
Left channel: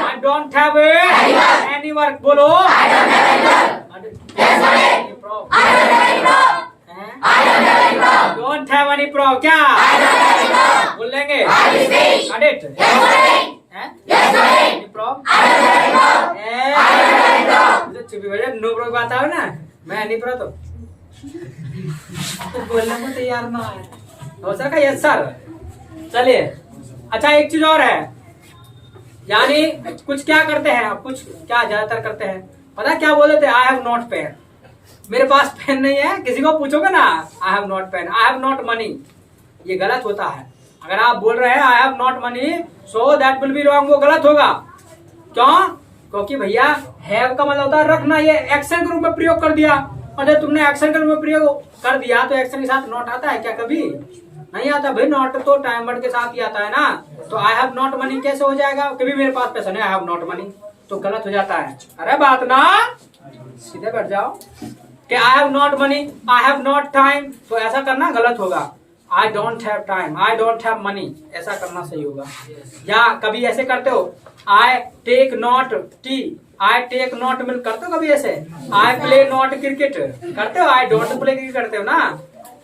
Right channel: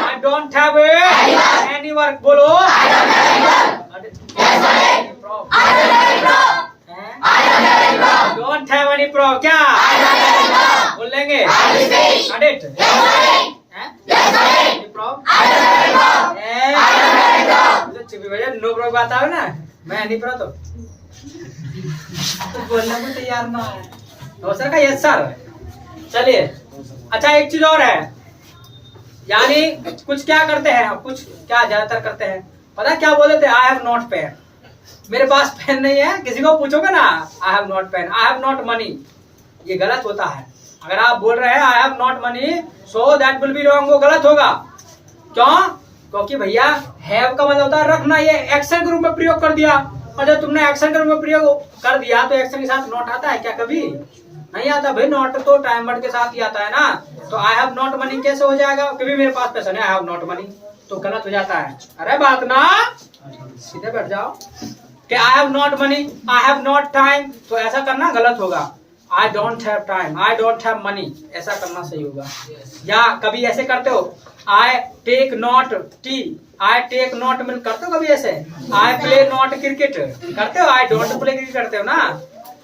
I don't have any work. बोलो डोंट हैव एनी प्रॉब्लम क्या? बोल लेंगे नो प्रॉब्लम आता है ना, मैं नहीं पढ़ा तो बोलने को तैयार ना है। तो सर का यस सर। चलिए अच्छा एक चीज और है, यानी कुछ क्या करते हैं, कुछ क्या ज्यादातर करते हैं पता क्या बोले थे? आई हैव नॉट पेन, मेरे पास पेन नहीं है। किसी को पूछोगे ना I have not pen, I have not money, ये गलत होता है। अगर आप बोल रहे हैं I have not money so that will be wrong, वो गलत होगा। क्यों? क्योंकि भैया हैव का मतलब होता है रखना, ये एक्शन के रूप में प्रयोग कर दिया। और जब तुमने एक्शन के रूप में प्रयोग कर दिया तो एक्शन के साथ नॉट आता है क्या? कभी नहीं आता भाई। नॉट तो टाइम वर्ड के साथ ही आता है ना। तो आई हैव नॉट मनी कैसे हो जाएगा? कभी मेरे पास पैसा नहीं, आई हैव नॉट मनी, तो गलत हो जाता है। अरे बात ना, सीधे बैठ जाओ कि I have not money, I have not time, तो ऐसा करना गलत होगा। I don't have time, I don't have money, ऐसा करना सही होगा। या कभी ऐसे करते हो, I take not tea, I take not milk, करते हो कभी ऐसे? आई प्ले नॉट क्रिकेट करते हो, आई डोंट प्ले क्रिकेट करते हो ना।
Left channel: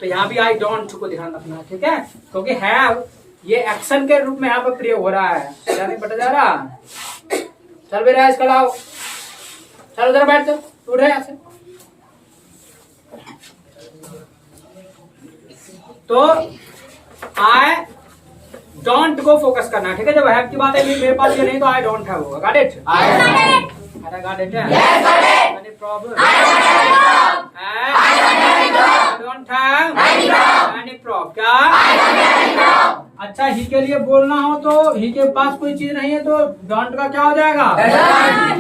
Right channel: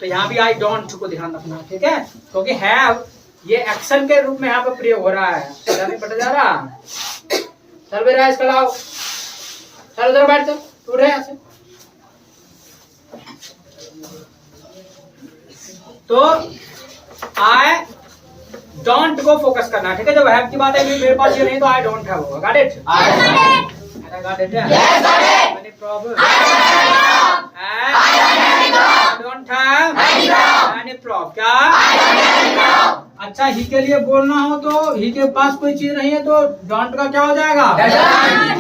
तो यहाँ भी आई डोंट को ध्यान रखना, ठीक है? क्योंकि हैव ये एक्शन के रूप में यहाँ पर प्रयोग हो रहा है। नहीं पता जा रहा? चल बेटा इसका लाओ, चल उधर बैठ कर, उठ रहे ऐसे। तो आई डोंट को फोकस करना, ठीक है? जब हैव की बात है मेरे पास ये नहीं तो आई डोंट हैव होगा। Got it? अरे got it? Yes got it. Any problem? I don't have any problem. क्या? अच्छा, ही के लिए बोलना हो तो ही के पास कोई चीज नहीं है तो डोंट का क्या हो जाएगा?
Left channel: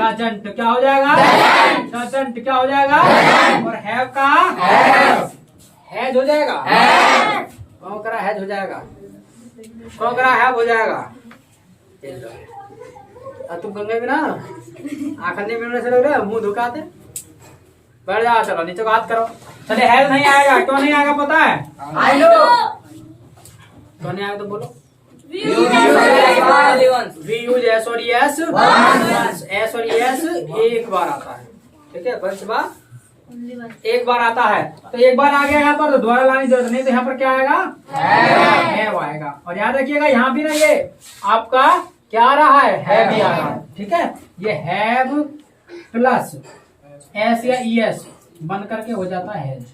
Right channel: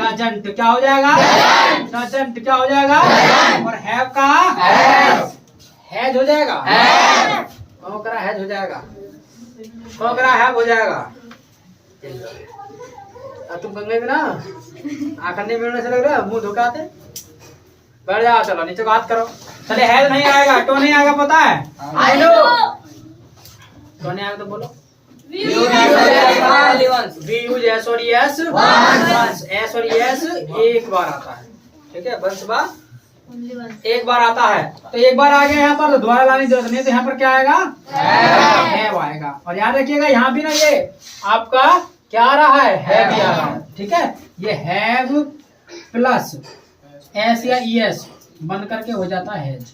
डजंट। क्या हो जाएगा? डजंट। क्या हो जाएगा? और हैव का हैज हो जाएगा। कौन करा हैज हो जाएगा? कौन करा हैव हो जाएगा? अब तुम गंगे में ना आखंडे मिलने से लग रहा है, मुंह धुकाते। बैठ जाओ, चलो नीचे बात करो। चले हैज नहीं आएगा, क्यों नहीं आएगा पता है? I know. क्यों नहीं आएगा तो बोलो। वी यूज एस और यस वंस। एस और यस एक बार आता है, ठीक है? वंस बार एक बार आता है। तो एक बार आ गया यहाँ पर तो दोबारा लाने की जरूरत नहीं, तो यहाँ पर क्या आएगा? हैव आएगा। और याद रखिएगा यहाँ भी ना ये आपका क्या आ रहा है? हैव भी आ रहा है, ठीक है? ये हैव प्लस एस या ईएस बन करके हो जाता है हैज,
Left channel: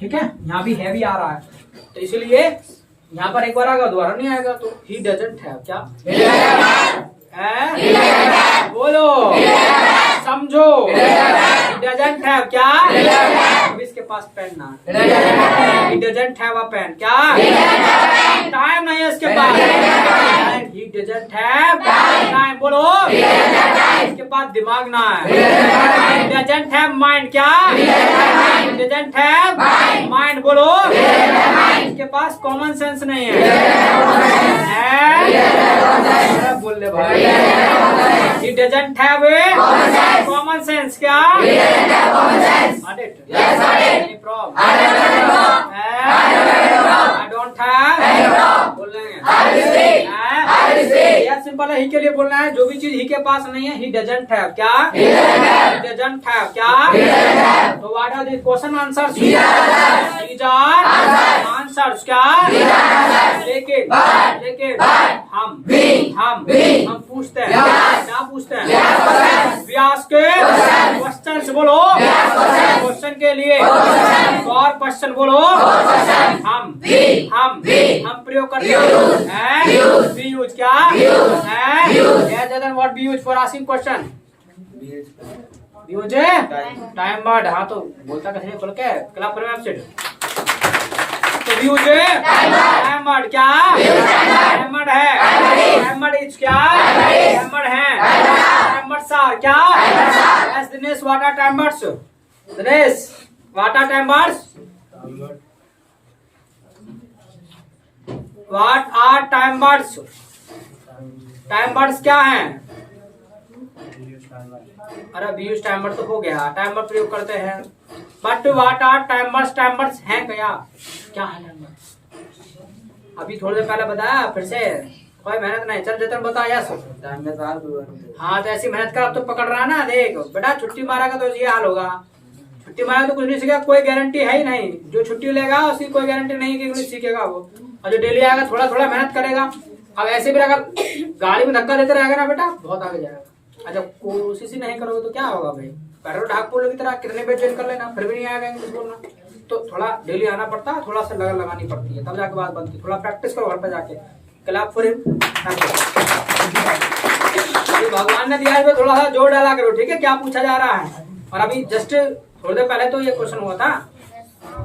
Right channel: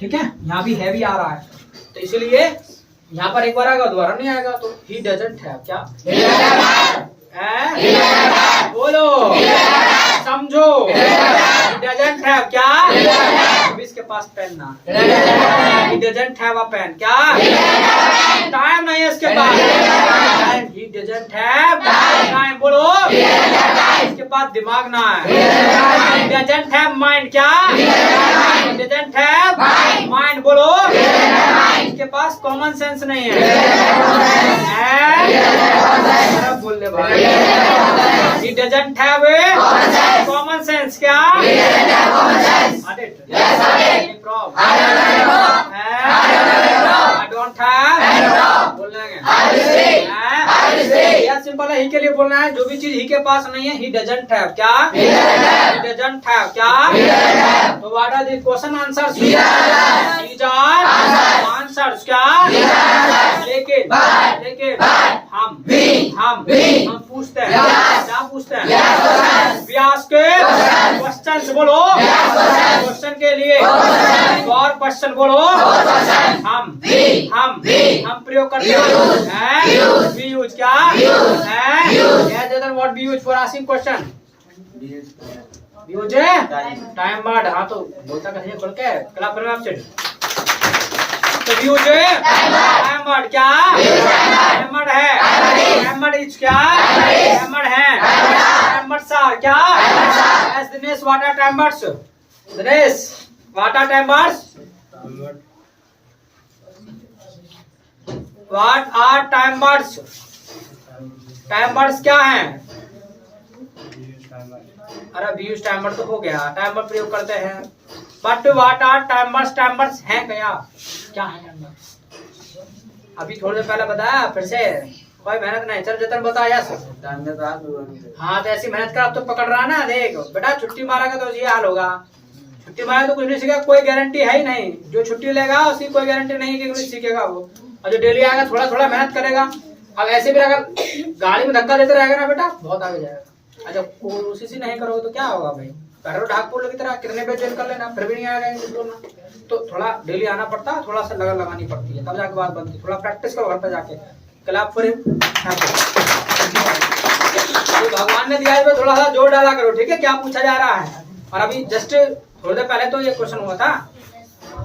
ठीक है? यहाँ भी हैव ही आ रहा है, तो इसलिए यहाँ पर एक बार आएगा दोबारा नहीं आएगा। तो ही डजंट हैव। क्या? बोलो, समझो। डजंट हैव क्या? इसके पास पेन ना। He doesn't have a pen. क्या? टाइम नहीं है इसके पास। He doesn't have time. बोलो, इसके पास दिमाग ना है। Doesn't have mind. क्या? Doesn't have mind. बोलो, इसके पास कॉमन सेंस नहीं है। बोल ले भाई। He doesn't have a common sense. क्या? Any problem? I don't have। बोलना है या सिंपल है, ही के लिए बोलना है। जो भी चीज ही के पास नहीं है, he doesn't have। क्या? He doesn't have। क्या? तो what are the question answers? These are answers। क्या? लेकिन हम पूछते हैं। क्या पूछते हैं? We ask questions। बोलो, क्वेश्चन के लिए और क्वेश्चन बोलो। हम प्रयोग करते हैं। We use। क्या? What we use for asking question? Use time word. हाँ तो बोलता कैसे खोल के क्लास पर आपसे। तो यूज टाइम वर्ड। क्या? टाइम वर्ड है। Time word is. क्या? टाइम वर्ड है। Time words are. क्या? Yes Dinesh, what are time words? Dinesh, what are time words? What are time words? Time words क्या हैं? अरे वी यूज टाइम वर्ड तो हो गया, टाइम वर्ड प्रयोग करते हैं। But what are time words? Time words हैं क्या है टाइम वर्ड? अभी थोड़ी देर पहले बताया, फिर से कोई मेहनत नहीं। चल जतन बता। यस हाँ, तो ऐसी मेहनत कर। अब तो पकड़ रहा ना। देख बेटा, छुट्टी मारेगा तो ये हाल होगा। छुट्टी मारेगा तो कुछ नहीं सीखेगा, कोई गारंटी है ही नहीं। जो छुट्टी लेगा उसकी कोई गारंटी नहीं कि कुछ सीखेगा वो। और जो डेली आएगा थोड़ा थोड़ा मेहनत करेगा। अब ऐसे भी अगर गाड़ी में धक्का देते रहेगा ना बेटा, बहुत आगे जाएगा। अच्छा, कोशिश ही नहीं करोगे तो क्या होगा भाई? पैरों ढाक पोल की तरह कितने पे ज्वाइन कर लेना, फिर भी नहीं आएगा इंग्लिश बोलना। तो थोड़ा डेली आना पड़ता है, थोड़ा सा लगन लगानी पड़ती है, तब जाके बात बनती है। थोड़ा प्रैक्टिस करो घर पे जाके। Clap for him. भगवान ने दिया है, थोड़ा सा जोर डाला करो, ठीक है? क्या पूछा जा रहा है। और अभी जस्ट थोड़ी देर पहले तो ये क्वेश्चन हुआ था।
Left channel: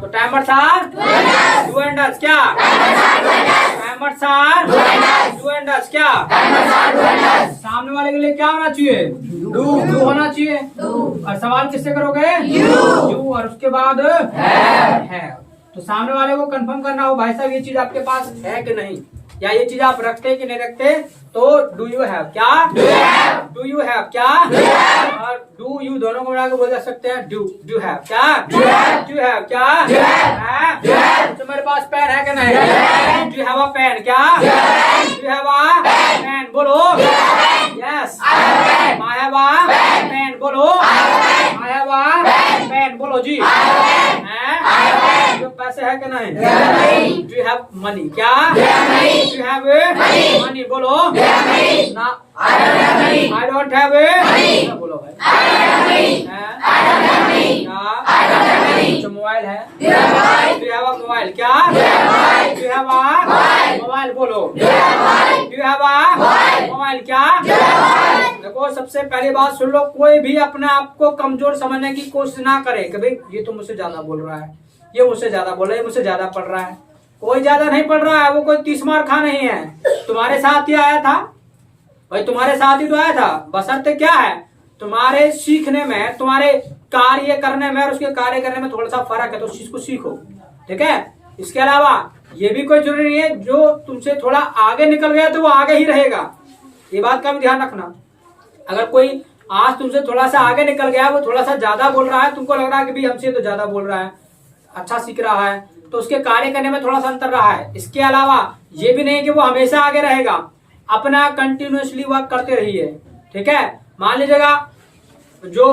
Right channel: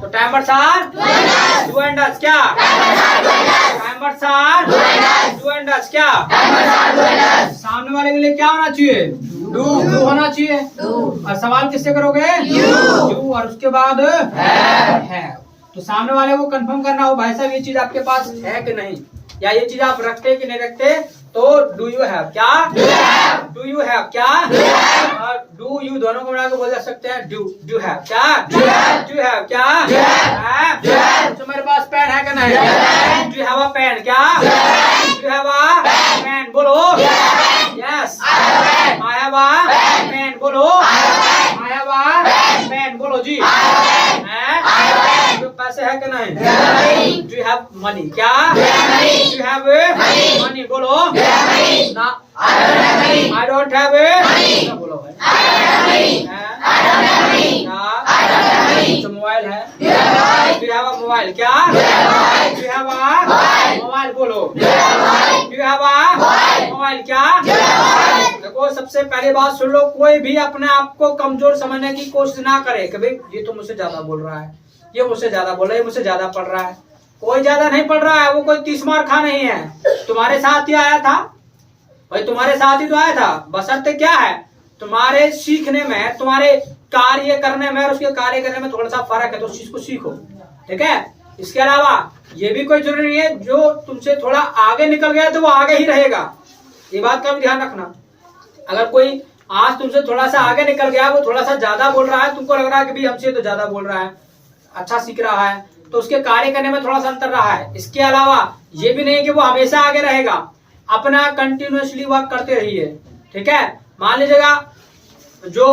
तो time words are do and does. क्या? Time words are do and does. क्या? सामने वाले के लिए क्या होना चाहिए? डू होना चाहिए। और सवाल किससे करोगे? यू। और उसके बाद है। तो सामने वाले को कंफर्म करना हो भाई साहब ये चीज आपके पास है कि नहीं, या ये चीज आप रखते कि नहीं रखते। तो डू यू हैव क्या, डू यू हैव क्या, और डू यू दोनों को मिला के बोल सकते हैं डू हैव क्या, डू हैव क्या, तो मेरे पास पेन है कि नहीं, डू हैव अ पेन क्या, डू हैव अ पेन बोलो, yes I have a pen बोलो, आई हैव अ पेन बोलो जी, जो पैसे है कि नहीं, डू हैव मनी क्या, डू हैव मनी बोलो ना, आई डोंट हैव ना बोलो भाई, तो मोबाइल है, डू हैव अ मोबाइल क्या, डू हैव अ मोबाइल बोलो, डू हैव अ मोबाइल क्या। देखो सबसे पहली बात सुन लो, कोई भी अपने आप को कमजोर समझने की कोशिश ना करे कि भाई ये तो मुझसे ज्यादा बोल रहा है, ये मुझसे ज्यादा बोल रहा है, ये मुझसे ज्यादा पढ़ रहा है। कोई ज्यादा नहीं पढ़ रहा है, वो कोई 30 मार खा नहीं है, तुम्हारे साथ ही आया था भाई, तुम्हारे साथ ही तो आया था। बशर्ते क्या है, तुम्हारे सीखने में, तुम्हारे कार्य करने में और उसके कार्य करने में थोड़ा सा फर्क है, तो उस चीज को सीखो, ठीक है। इसके अलावा ये भी कोई जरूरी नहीं है जो तुमसे थोड़ा आगे निकल गया तो वो आगे ही रहेगा, ये बात का भी ध्यान रखना। अगर कोई आज तुमसे थोड़ा सा आगे निकल गया, वो थोड़ा सा ज्यादा बोल रहा है, तुमको लग रहा है कि भाई हमसे तो ज्यादा बोल रहा है, अच्छा सीख रहा है, तो उसके कार्य करने में थोड़ा सा अंतर रहा है। इसके अलावा ये भी नहीं कि वो हमेशा आगे रहेगा, अपना कंटिन्यूअसली वर्क करते रहिए, ठीक है। मान लीजिएगा जो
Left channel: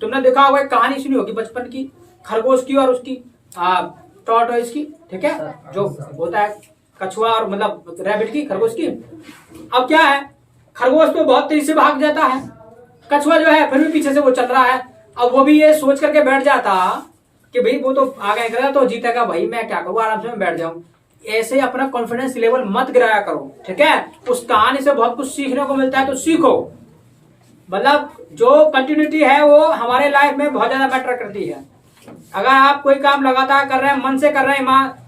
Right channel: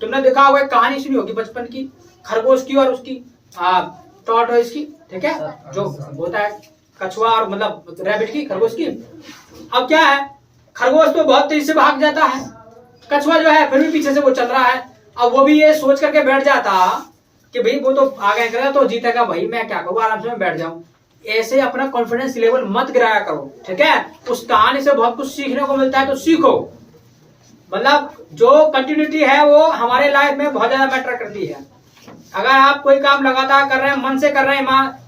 तुमने देखा होगा, कहानी सुनी होगी बचपन की, खरगोश की और उसकी टॉर्टोइस की, ठीक है, जो होता है कछुआ और मतलब रैबिट की, खरगोश की। अब क्या है, खरगोश तो बहुत तेजी से भाग जाता है, कछुआ जो है फिर भी पीछे से वो चल रहा है। अब वो भी ये सोच करके बैठ जाता कि भाई वो तो आगे निकला तो जीतेगा, भाई मैं क्या करूँ, आराम से मैं बैठ जाऊं। ऐसे अपना कॉन्फिडेंस लेवल मत गिराया करो, ठीक है। उस कहानी से बहुत कुछ सीखने को मिलता है, तो सीखो। मतलब जो कंटिन्यूटी है वो हमारे लाइफ में बहुत ज्यादा मैटर करती है। अगर आप कोई काम लगातार कर रहे हैं, मन से कर रहे हैं,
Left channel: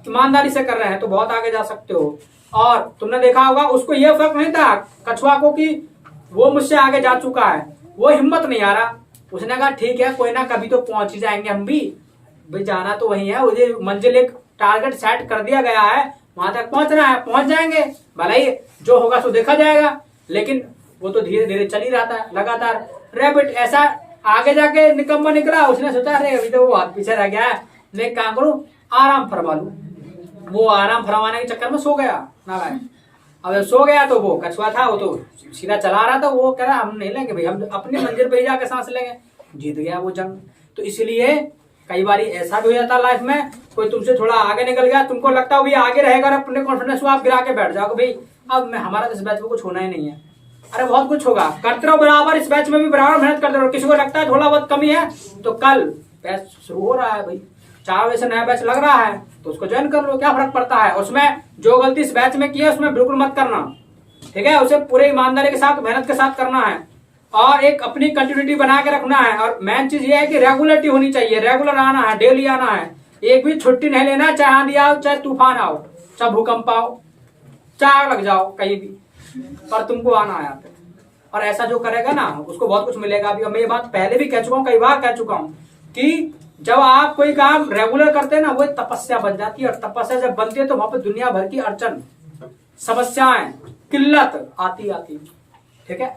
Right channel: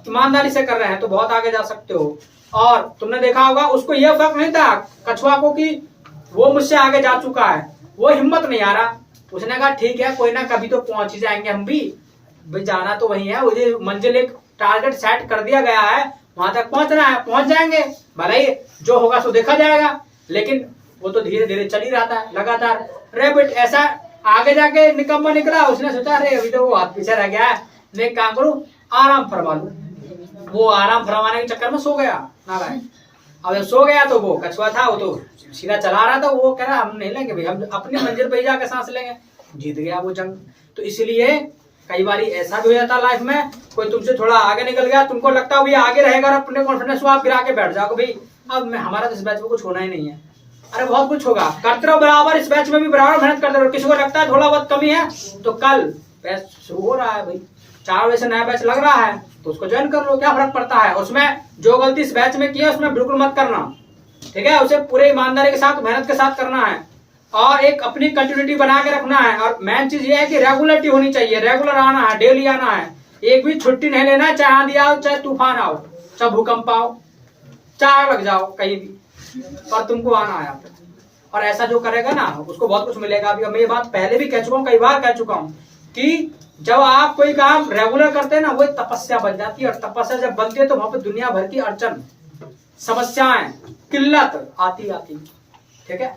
ईमानदारी से कर रहे हैं, तो बहुत आगे जा सकते हो। और तुमने देखा होगा उसको यह फर्क नहीं था कछुआ को कि वो मुझसे आगे जा चुका है, वो हिम्मत नहीं आ रहा। उसने कहा ठीक है कोई ना, कभी तो पहुंच ही जाएंगे हम भी, भाई जाना तो वही है, मुझे मंजिल एक टारगेट सेट कर दिया गया है, वहां तक पहुंचना है, पहुंच जाएंगे, भले ही जो होगा सो देखा जाएगा। लेकिन वो तो धीरे धीरे चल ही रहा था लगातार। रैबिट ऐसा आगे जाके निकम्मा निकला, उसने सोचा अरे अभी तो वो हाथ पीछे रह गया है, मैं काम करूं आराम फरमा लूं। वो आराम फरमाने के चक्कर में सो गया नारायण। अब जब सो गया तो वो कछुआ था, वो तो सीधा चला रहा था, वो कह रहा हम नहीं लेंगे भाई, हम अपनी मंजिल पे ही जाकर सांस लेंगे। जीत गया वो जंग। तो इसलिए कई बार ऐसा भी हो जाता लाइफ में, कोई तुमसे थोड़ा आगे निकल गया, तुमको लगता है आगे रहेगा, और अपने कॉन्फिडेंस को आप गिरा के बैठ जाओगे भाई अब मैं हमारा तो इस बैच में कुछ होना ही नहीं है। अरे बहुत कुछ होगा, करते रहो बराबर, इस बैच में भी बराबर मेहनत करते रहो। किसी को लगता है थोड़ा बहुत कमी है तो कल बैच शुरू हो रहा है भाई, 4 बजे से नया बैच लग रहा है तो उसको ज्वाइन कर लो, क्या फर्क पड़ता है। उसमें जो गलती इस बैच में की है उसमें बिल्कुल मत करना, ठीक है। उसे पूरे ईमानदारी के साथ मेहनत के साथ करना है और एक अपनी कंटिन्यूटी बना के रखना है। और मेन चीज ये है कि रेगुलरिटी होनी चाहिए, रेगुलर आना है, डेली आना है, एक भी छुट्टी नहीं लेना, चाहे आंधी आओ, चाहे तूफान आओ, चाहे भूकंप आओ, चाहे लग जाओ कहीं भी, पर तुमको आना है यहाँ पे। और ऐसा जो करेगा ना उसको बहुत कुछ मिलेगा। अभी मैं ये बात पहले भी कह चुका हूँ, कई बार कह चुका हूँ कि जब आप कोई काम रेगुलर करते हैं ना वो एक तपस्या बन जाती है, और तपस्या जब बनती है तो वहां पे दुनिया भर की अड़चन, समस्याएं, किल्लत आती, ठीक है।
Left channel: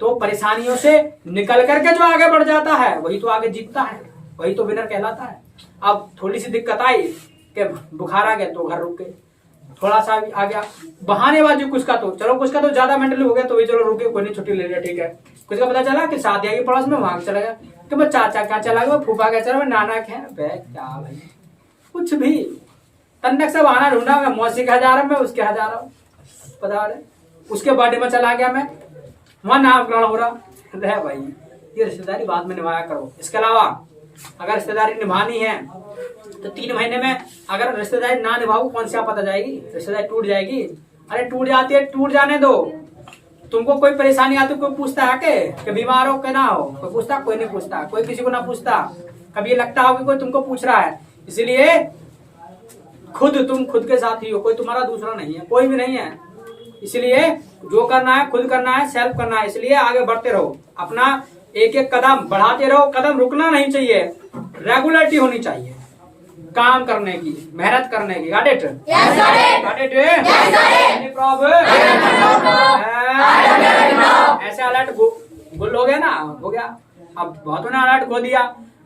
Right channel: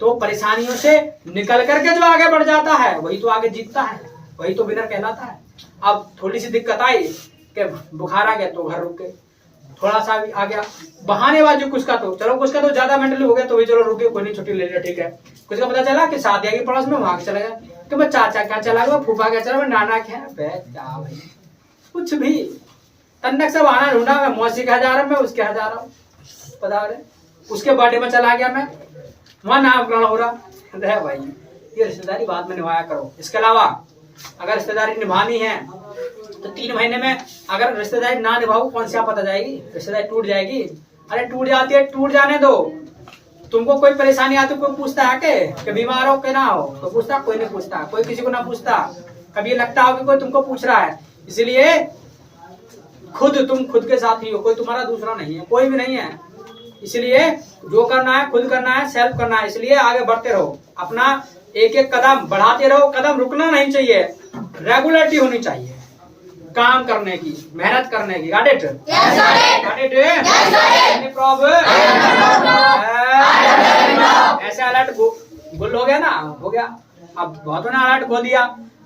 तो परेशानियों से निकल करके जो आगे बढ़ जाता है वही तो आगे जीतता है, वही तो विनर कहलाता है। अब थोड़ी सी दिक्कत आई कि बुखार आ गया तो घर रुक गए, थोड़ा सा भी आ गया बहानेबाजी, कुछ का तो चलो, कुछ का तो ज्यादा मेंटली हो गया तो भी चलो रुके, कोई नहीं छुट्टी ले लिया, ठीक है। कुछ का पता चला कि शादी आएगी पड़ोस में, वहां चला गया, तो मैं चाचा क्या चला गया, फूफा क्या चला, मैं नाना क्या क्या भाई, कुछ भी तन्नक से बहाना ढूंढा। मैं मौसी के जा रहा हूँ, मैं उसके यहाँ जा रहा हूँ, पता रहे उसके बर्थडे में चला गया, मैं वहां नामकरण हो रहा है। भाई ये रिश्तेदारी बाद में निभाया करो। इसके अलावा अगर रिश्तेदारी निभानी है तो 3 महीने में अगर रिश्तेदारी ना निभाओ कौन सी आपत आ जाएगी, रिश्तेदारी टूट जाएगी। अरे टूट जाती है, टूट जाने दो। तुमको कोई परेशानी आती कोई पूछता है कि बीमार हो कि ना हो, तो पूछता, कोई नहीं पूछता, कोई किसी को ना पूछता। कभी ये लगता हो कि कोई तुमको पूछ रहा है, इसलिए तुम खुद के साथ ही हो, कोई तुम्हारा दूसरा नहीं है, कोई भी नहीं है। इसलिए जो करना है खुद करना है, सेल्फ करना है, इसलिए आगे बढ़ते रहो, अपना एक एक कदम बढ़ाते रहो, कदम रुकना नहीं चाहिए, रेगुलरिटी होनी चाहिए काम करने की, मेहनत करने की। Got it? Got it? Any problem? ऐसे अलर्ट गुल हो गया ना, हो गया। अब बहुतों ने अलर्ट खो दिया।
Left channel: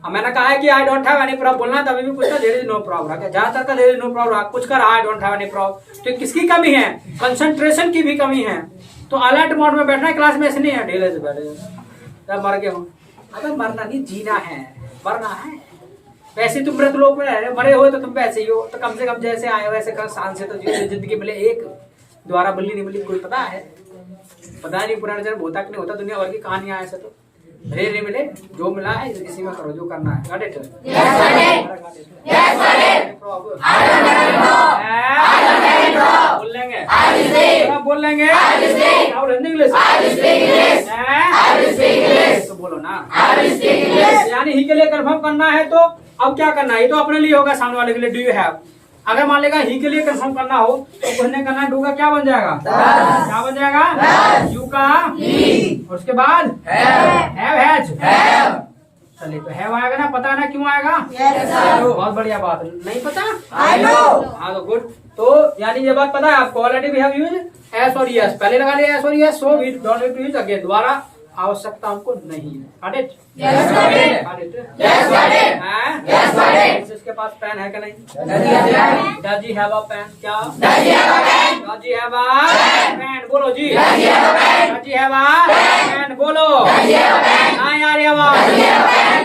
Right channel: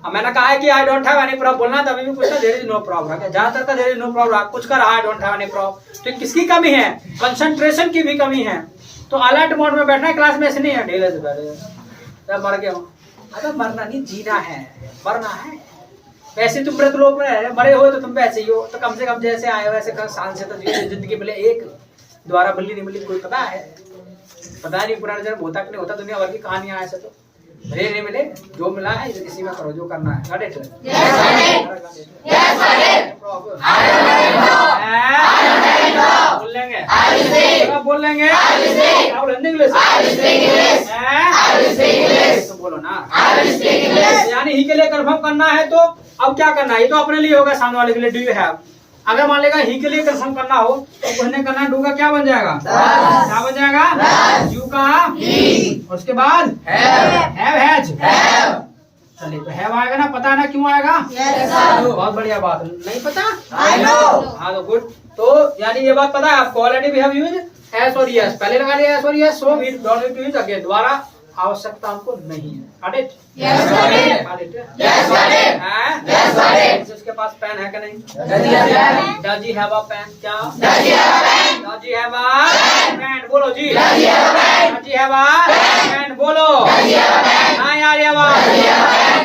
अब मैंने कहा है कि आई डोंट हैव एनी प्रॉब्लम बोलना, तभी भी पूछना देयर इज नो प्रॉब्लम। क्या ज्यादातर का देयर इज नो प्रॉब्लम, कुछ कर आई डोंट हैव एनी प्रॉब्लम। तो किसकी कमी है? कंसंट्रेशन की भी कमी है। तो अलर्ट मोड में बैठना है क्लास में, ऐसे नहीं है ढीले से बैठे तब मर गए हो। अगर मरना नहीं, जीना है, मरना है। वैसे तुम मृत लोग में मरे हुए तो तुम वैसे ही हो, तो कम से कम जैसे आए वैसे शान से तो जिंदगी मिले। एक द्वारा मिली नहीं मिली कोई पता है? पता नहीं पुराने जन्म होता कि नहीं होता, दुनिया भर की कहानियां ऐसे तो मिले नहीं मिले, जो मिला है इसी में करो जो करना है। Got it? बोल लेंगे, बोल लेंगे, क्या बोलेंगे? इंग्लिश तो बोलो ना। यानी ही के लिए कंफर्म करना है, तो अब क्या करना है? ये तो अपने लिए होगा, सामने वाले के लिए डू यू हैव। अगर मान लेगा ही के लिए कंफर्म करना हो तो कहने करना डू का क्या बन जाएगा? क्या बन जाएगा? यू का और उसके बाद हैव हैज। चलिए तो हैव आएगा ना, पता है ना क्यों आएगा? बहुत बढ़िया बात। नहीं पता? हाँ तो गुड। तो यानी ये बात पता है आपको, already we have used S और यस, पहले लगा दिया एस और yes, so we don't need to use again, दोबारा आवश्यकता हमको नहीं है। Got it? Yes, got it. Got it? Yes, got it. Yes, got it. इसके पास पेन है कि नहीं? Does he have a pen? Does he have a pen? क्या? Does he have a pen? Does he have a pen? बोलो जी। Does he have a pen? Does he have a pen? बोलो। Does he have a pen? हाँ यार ये बात। Does he have a pen?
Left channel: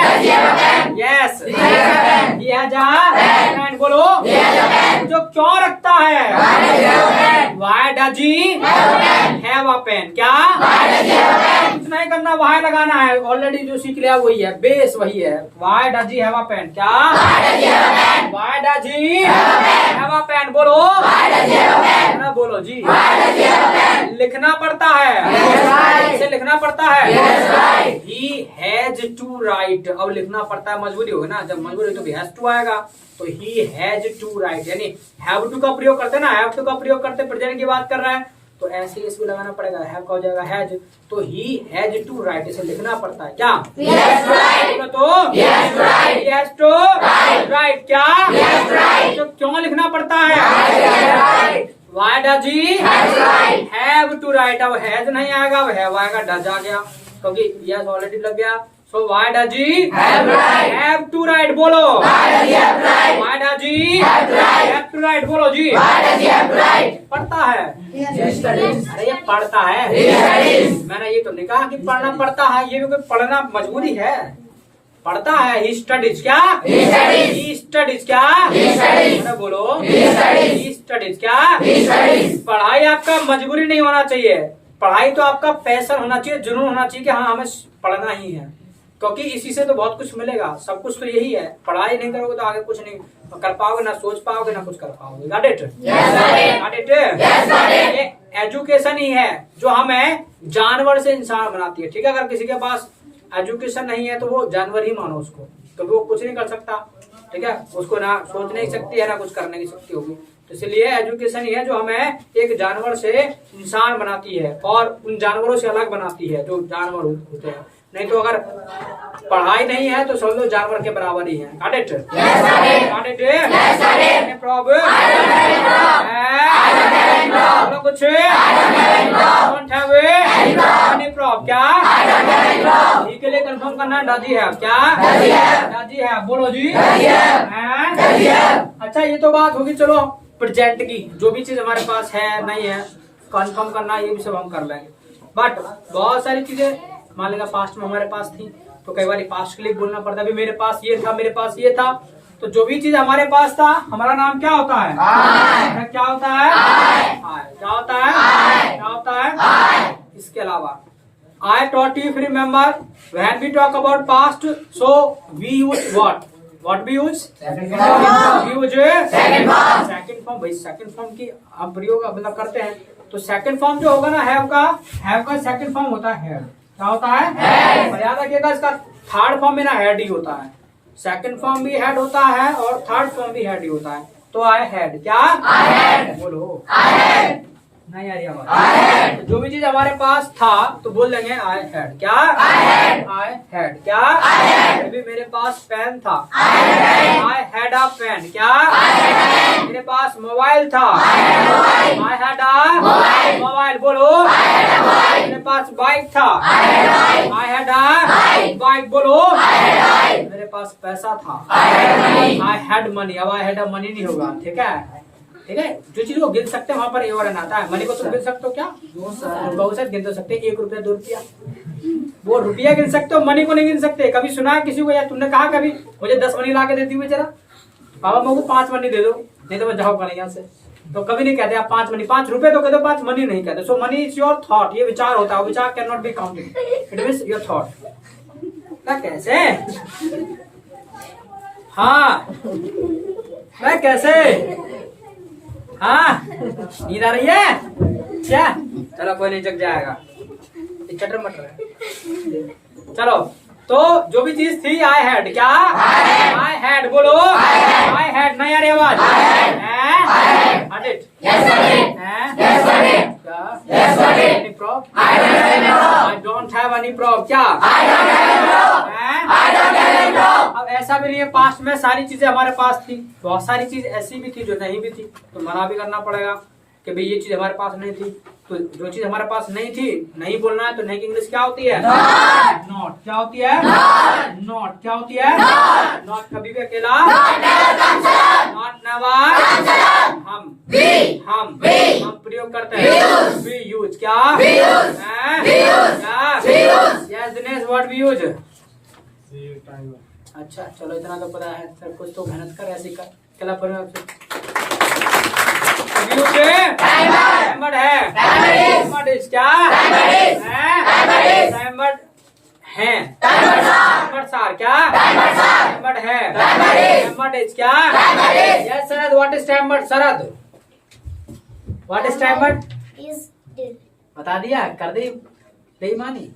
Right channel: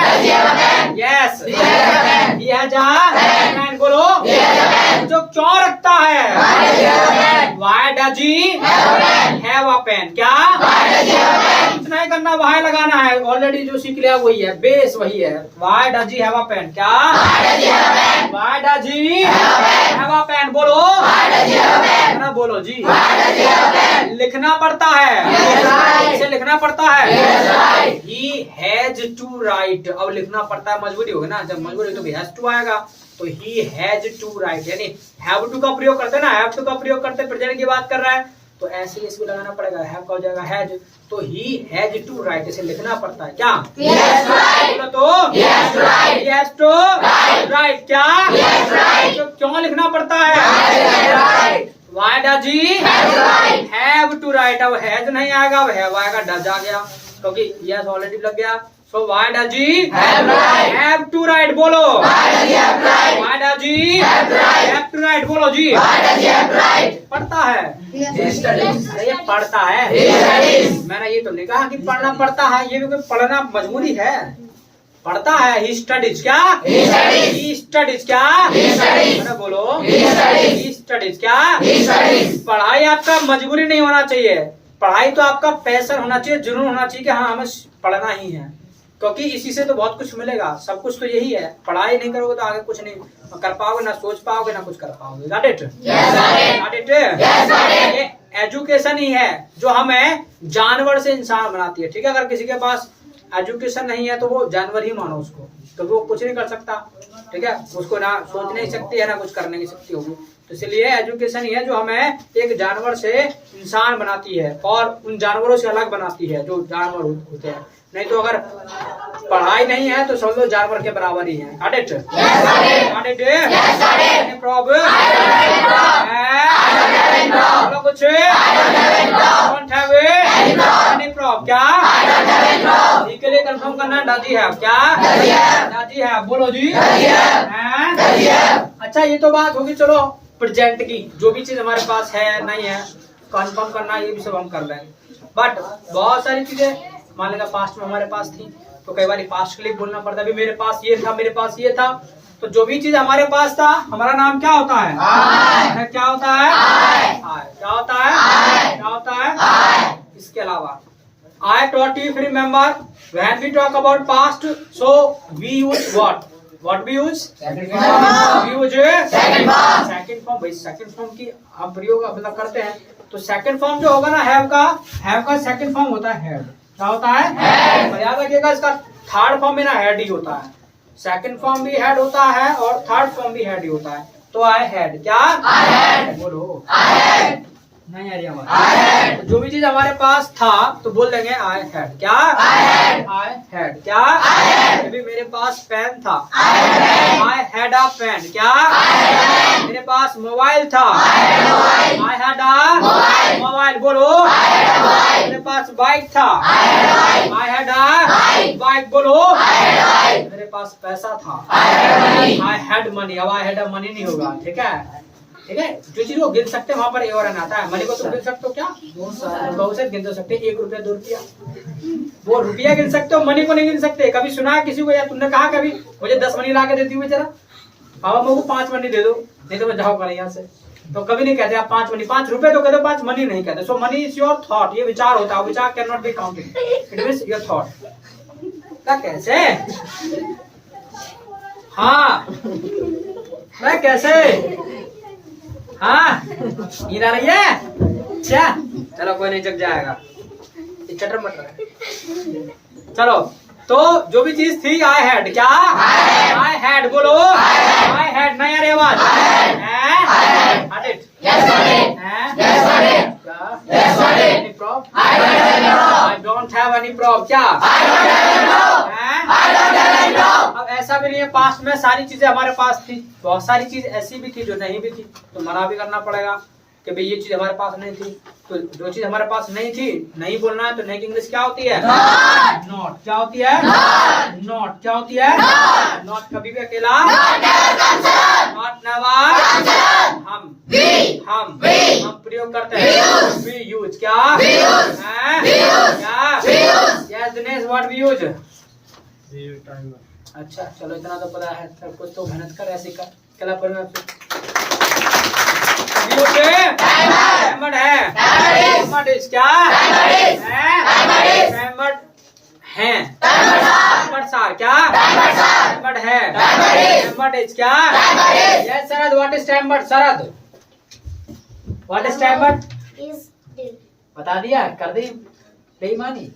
Does he have a pen? Yes. He has a pen. He has a pen. बोलो। He has a pen. जो क्यों रखता है? Why does he have a pen? Why does he Have a pen. have a pen? क्या? Why does he have a pen? कुछ नहीं करना, वहां लगाना है। ऑलरेडी जो सीख लिया वही है, बेस वही है। Why does he have a pen? क्या? Why does he have a pen? Why does he Have a pen. have a pen? बोलो। Why does he have a pen? ना बोलो जी। Why does he have a pen? लिखना पड़ता है। Yes, right. इसे लिखना पड़ता है। Yes, right. He has to write। अब लिखना पड़ता है, मजबूरी होगी ना, जब मजबूरी तो भी has to आएगा। तो he has to write, यानी have to का प्रयोग करते हैं ना, have to का प्रयोग करते प्रेजेंट की बात कर रहा है, तो ऐसे इसको लगाना पड़ेगा, have का हो जाएगा has। तो he has to write, इसे लिखना पड़ता है। क्या? Yes, right. बोलो तो। Yes, right. He has to Right. write। क्या? Yes, right. तो क्यों लिखना पड़ता है? Yes, right. Why does he Has right. have to write? अब has नहीं आएगा, अब have आएगा, does आ गया, क्योंकि yes ऑलरेडी लग गया। So why does he Have right. have to write? बोलो। Why does he have right? Why does he Have right. have to write? बोलो जी। Why does he have right? पढ़ता है। He studies. अरे ये पढ़ता है। He studies. मैंने ये तो नहीं कहा कि पढ़ना पड़ता है, ये भी कोई पढ़ना मजबूरी है। पढ़ता है। He studies। क्या? He studies. He studies। क्या? He studies. अरे बोलो। He studies. He studies। क्या? He studies. पढ़ाई आपका मजबूरी नहीं होना चाहिए, पढ़ाई तो आपका पैशन होना चाहिए, जुनून होना चाहिए कि हाँ हमें पढ़ना ही है, क्योंकि इसी से तो बहुत कुछ मिलेगा। सब कुछ तो यही है, पढ़ाई नहीं करोगे तो आगे कुछ नहीं कर पाओगे, ना सोच पाओगे, ना कुछ कर पाओगे। Got it? Yes, got it. Got it? Yes, got it. ये एजुकेशन ही है जो हमें जानवर से इंसान बनाती है। ठीक है, अगर किसी के पास एजुकेशन नहीं है तो वो जानवर ही मानो उसको, तो वो कुछ नहीं कर सकता। ठीक है, उसको ना सोच नहीं सकती है, ना कुछ करने की शक्ति होगी। तो इसलिए एजुकेशन ही है जो हमें एक जानवर से इंसान बनाती है और उन जानवरों से अलग बनाती है जो जानवर होते हैं। नहीं तो अगर पढ़ाई नहीं है तो समझ लो जानवर के बराबर ही है। Got it? Yes, got it. Got it? Yes, got it. Any problem? बोलो कुछ। Don't have any problem. क्या? ही के लिए कंफर्म करना, डज ही हैव। क्या? Does he have. बोलो जी। अच्छा ये तो बात होगी, चलो प्रेजेंट की, जो भी चीज हमारे पास है नहीं है कंफर्म करना, ये भी सब हम कर लेंगे। बट बहुत सारी चीजें मान लेगा पास्ट में हमारे पास थी, तो कई बार पास्ट के लिए बोलना पड़ता है। अभी मेरे पास ये था, मेरे पास ये था, तो जो भी चीज हमारे पास था हमारा नाम क्या होता है? क्या होता है? क्या होता है? क्या होता है? इसके अलावा I taught you if you remember when we talk about past, so we use what? What we use? Second form. We use Second form. Second form। भाई सेकंड फॉर्म की हम प्रयोग मतलब करते हैं, तो सेकंड फॉर्म जो होगा ना हैव का सेकंड फॉर्म होता है हेड। क्या होता है? Head। और याद रखिएगा इसका थर्ड फॉर्म भी ना हेड ही होता है, सेकंड फॉर्म भी हेड होता है और थर्ड फॉर्म भी हेड ही होता है। तो आई हेड। क्या? I had. बोलो। I had. नहीं आ रही आवाज। तो जो भी चीज हमारे पास था तो बोल देंगे आई हैड। क्या? I had. क्या? अभी मेरे पास पेन था। I had a pen. क्या? मेरे पास मोबाइल था। I had a mobile. बोलो। मेरे पास बाइक था। I had a bike. बोलो। मेरे पास पैसा था। I had money. अब आई हैड अ मनी नहीं होगा। ठीक है, ठीक है। जो चीज वो गिन सकते हैं वहां पर ए और एन आता है। मनी को तुम गिन सकते हो क्या? बहुत से गिन तो सकते हैं, 1 रुपया 2 रुपया। वो रुपया गिन सकते हो, मनी को नहीं गिन सकते। कभी सुना है किसी को या तुमने कहा कभी मुझे 10 मनी ला के देती हूँ जरा, पापा मेरे को 5 मनी दे दो, नहीं तो मैं जाऊंगा नहीं यहाँ से। तो कभी नहीं कहते आप 5 मनी, 5 रुपए तो कहते, 5 मनी नहीं कहते। सो मनी इज योर थॉट। ये विचार होता है, विचार can not be counted, it means your thought. कैसे? हाँ मैं कैसे? हाँ नींद आ रही है क्या? चलो कोई नहीं, जग जाएगा, चटर मटर है। चलो तो जो भी चीज थी आई हैड। क्या? I had. बोलो। I had. नहीं आ रही आवाज। Any problem? I don't have any problem. क्या? अब ऐसा भी नहीं है, पास्ट में सारी चीजें हमारे पास थी, बहुत सारी चीज ऐसी भी थी जो नहीं भी थी, तो मना भी करना पड़ेगा कि भाई ये चीज हमारे पास नहीं थी। तो जो चीज हमारे पास नहीं थी नहीं बोलना है, तो नहीं की इंग्लिश क्या होती है? नॉट। क्या होती है? नॉट। क्या होती है? नॉट कभी भी अकेला, नॉट नेवर, हम प्रयोग करते हैं। We use. क्या? Yes Dinesh, what we use? अच्छा चलो इतना तो पता है, सब कुछ तो मेहनत कर, ऐसे कर। कला पर है क्या है? सार क्या है? क्या? यस सरद, व्हाट इज टैमर्ड? सरद, व्हाट इज टैमर्ड? बता दिया, कर दी बेईमानी,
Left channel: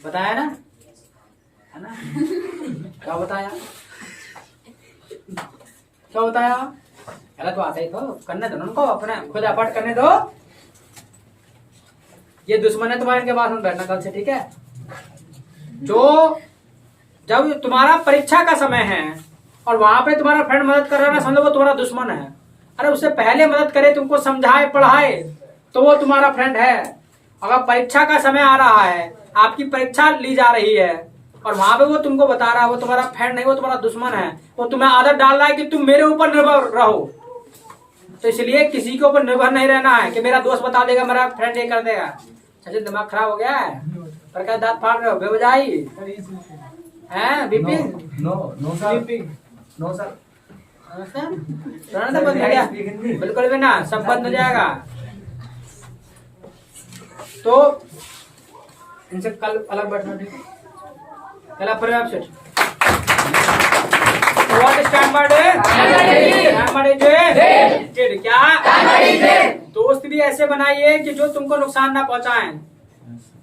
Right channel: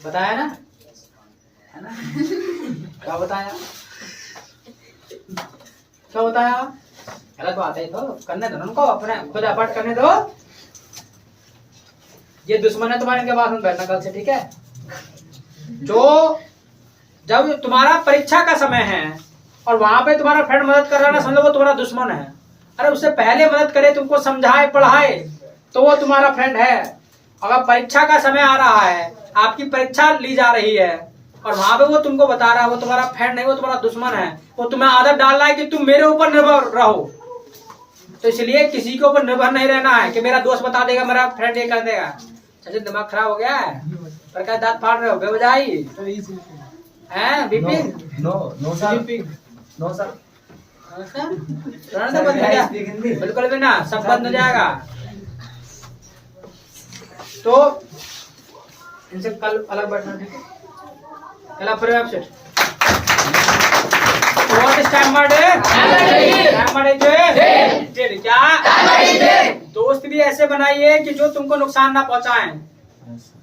बताया ना, है ना? क्या बताया? क्या बताया? गलत बात है तो करने दो उनको, अपने खुद एफर्ट करने दो। ये दुश्मन है तुम्हारे, इनके पास में बैठना कल से, ठीक है? जो जब तुम्हारा परीक्षा का समय है और वहां पे तुम्हारा फ्रेंड मदद कर रहा है ना, समझो वो तुम्हारा दुश्मन है। अरे उससे पहले मदद करे, तुमको समझाए पढ़ाए, तो वो तुम्हारा फ्रेंड है। अगर परीक्षा का समय आ रहा है, आपकी परीक्षा ली जा रही है और वहां पे वो तुमको बता रहा है, वो तुम्हारा फ्रेंड नहीं, वो तुम्हारा दुश्मन है। वो तुम्हें आदत डाल रहा है कि तुम मेरे ऊपर निर्भर रहो। तो इसलिए किसी के ऊपर निर्भर नहीं रहना है कि मेरा दोस्त बता देगा, मेरा फ्रेंड ये कर देगा। सचिन दिमाग खराब हो गया है, पर क्या दांत फाड़ रहे हो बेवजाई हैं? Bipin no sir, no sir, बंद हो गया, बिल्कुल भी ना, सब बंद हो जाएगा। तो इनसे कल अलग बैठना, ठीक है? कल आप फिर आपसे व्हाट इज टैमर्ड? डिड। क्या? दोस्त भी ऐसे बनाइए कि जो तुमको नुकसान ना पहुंचाएं,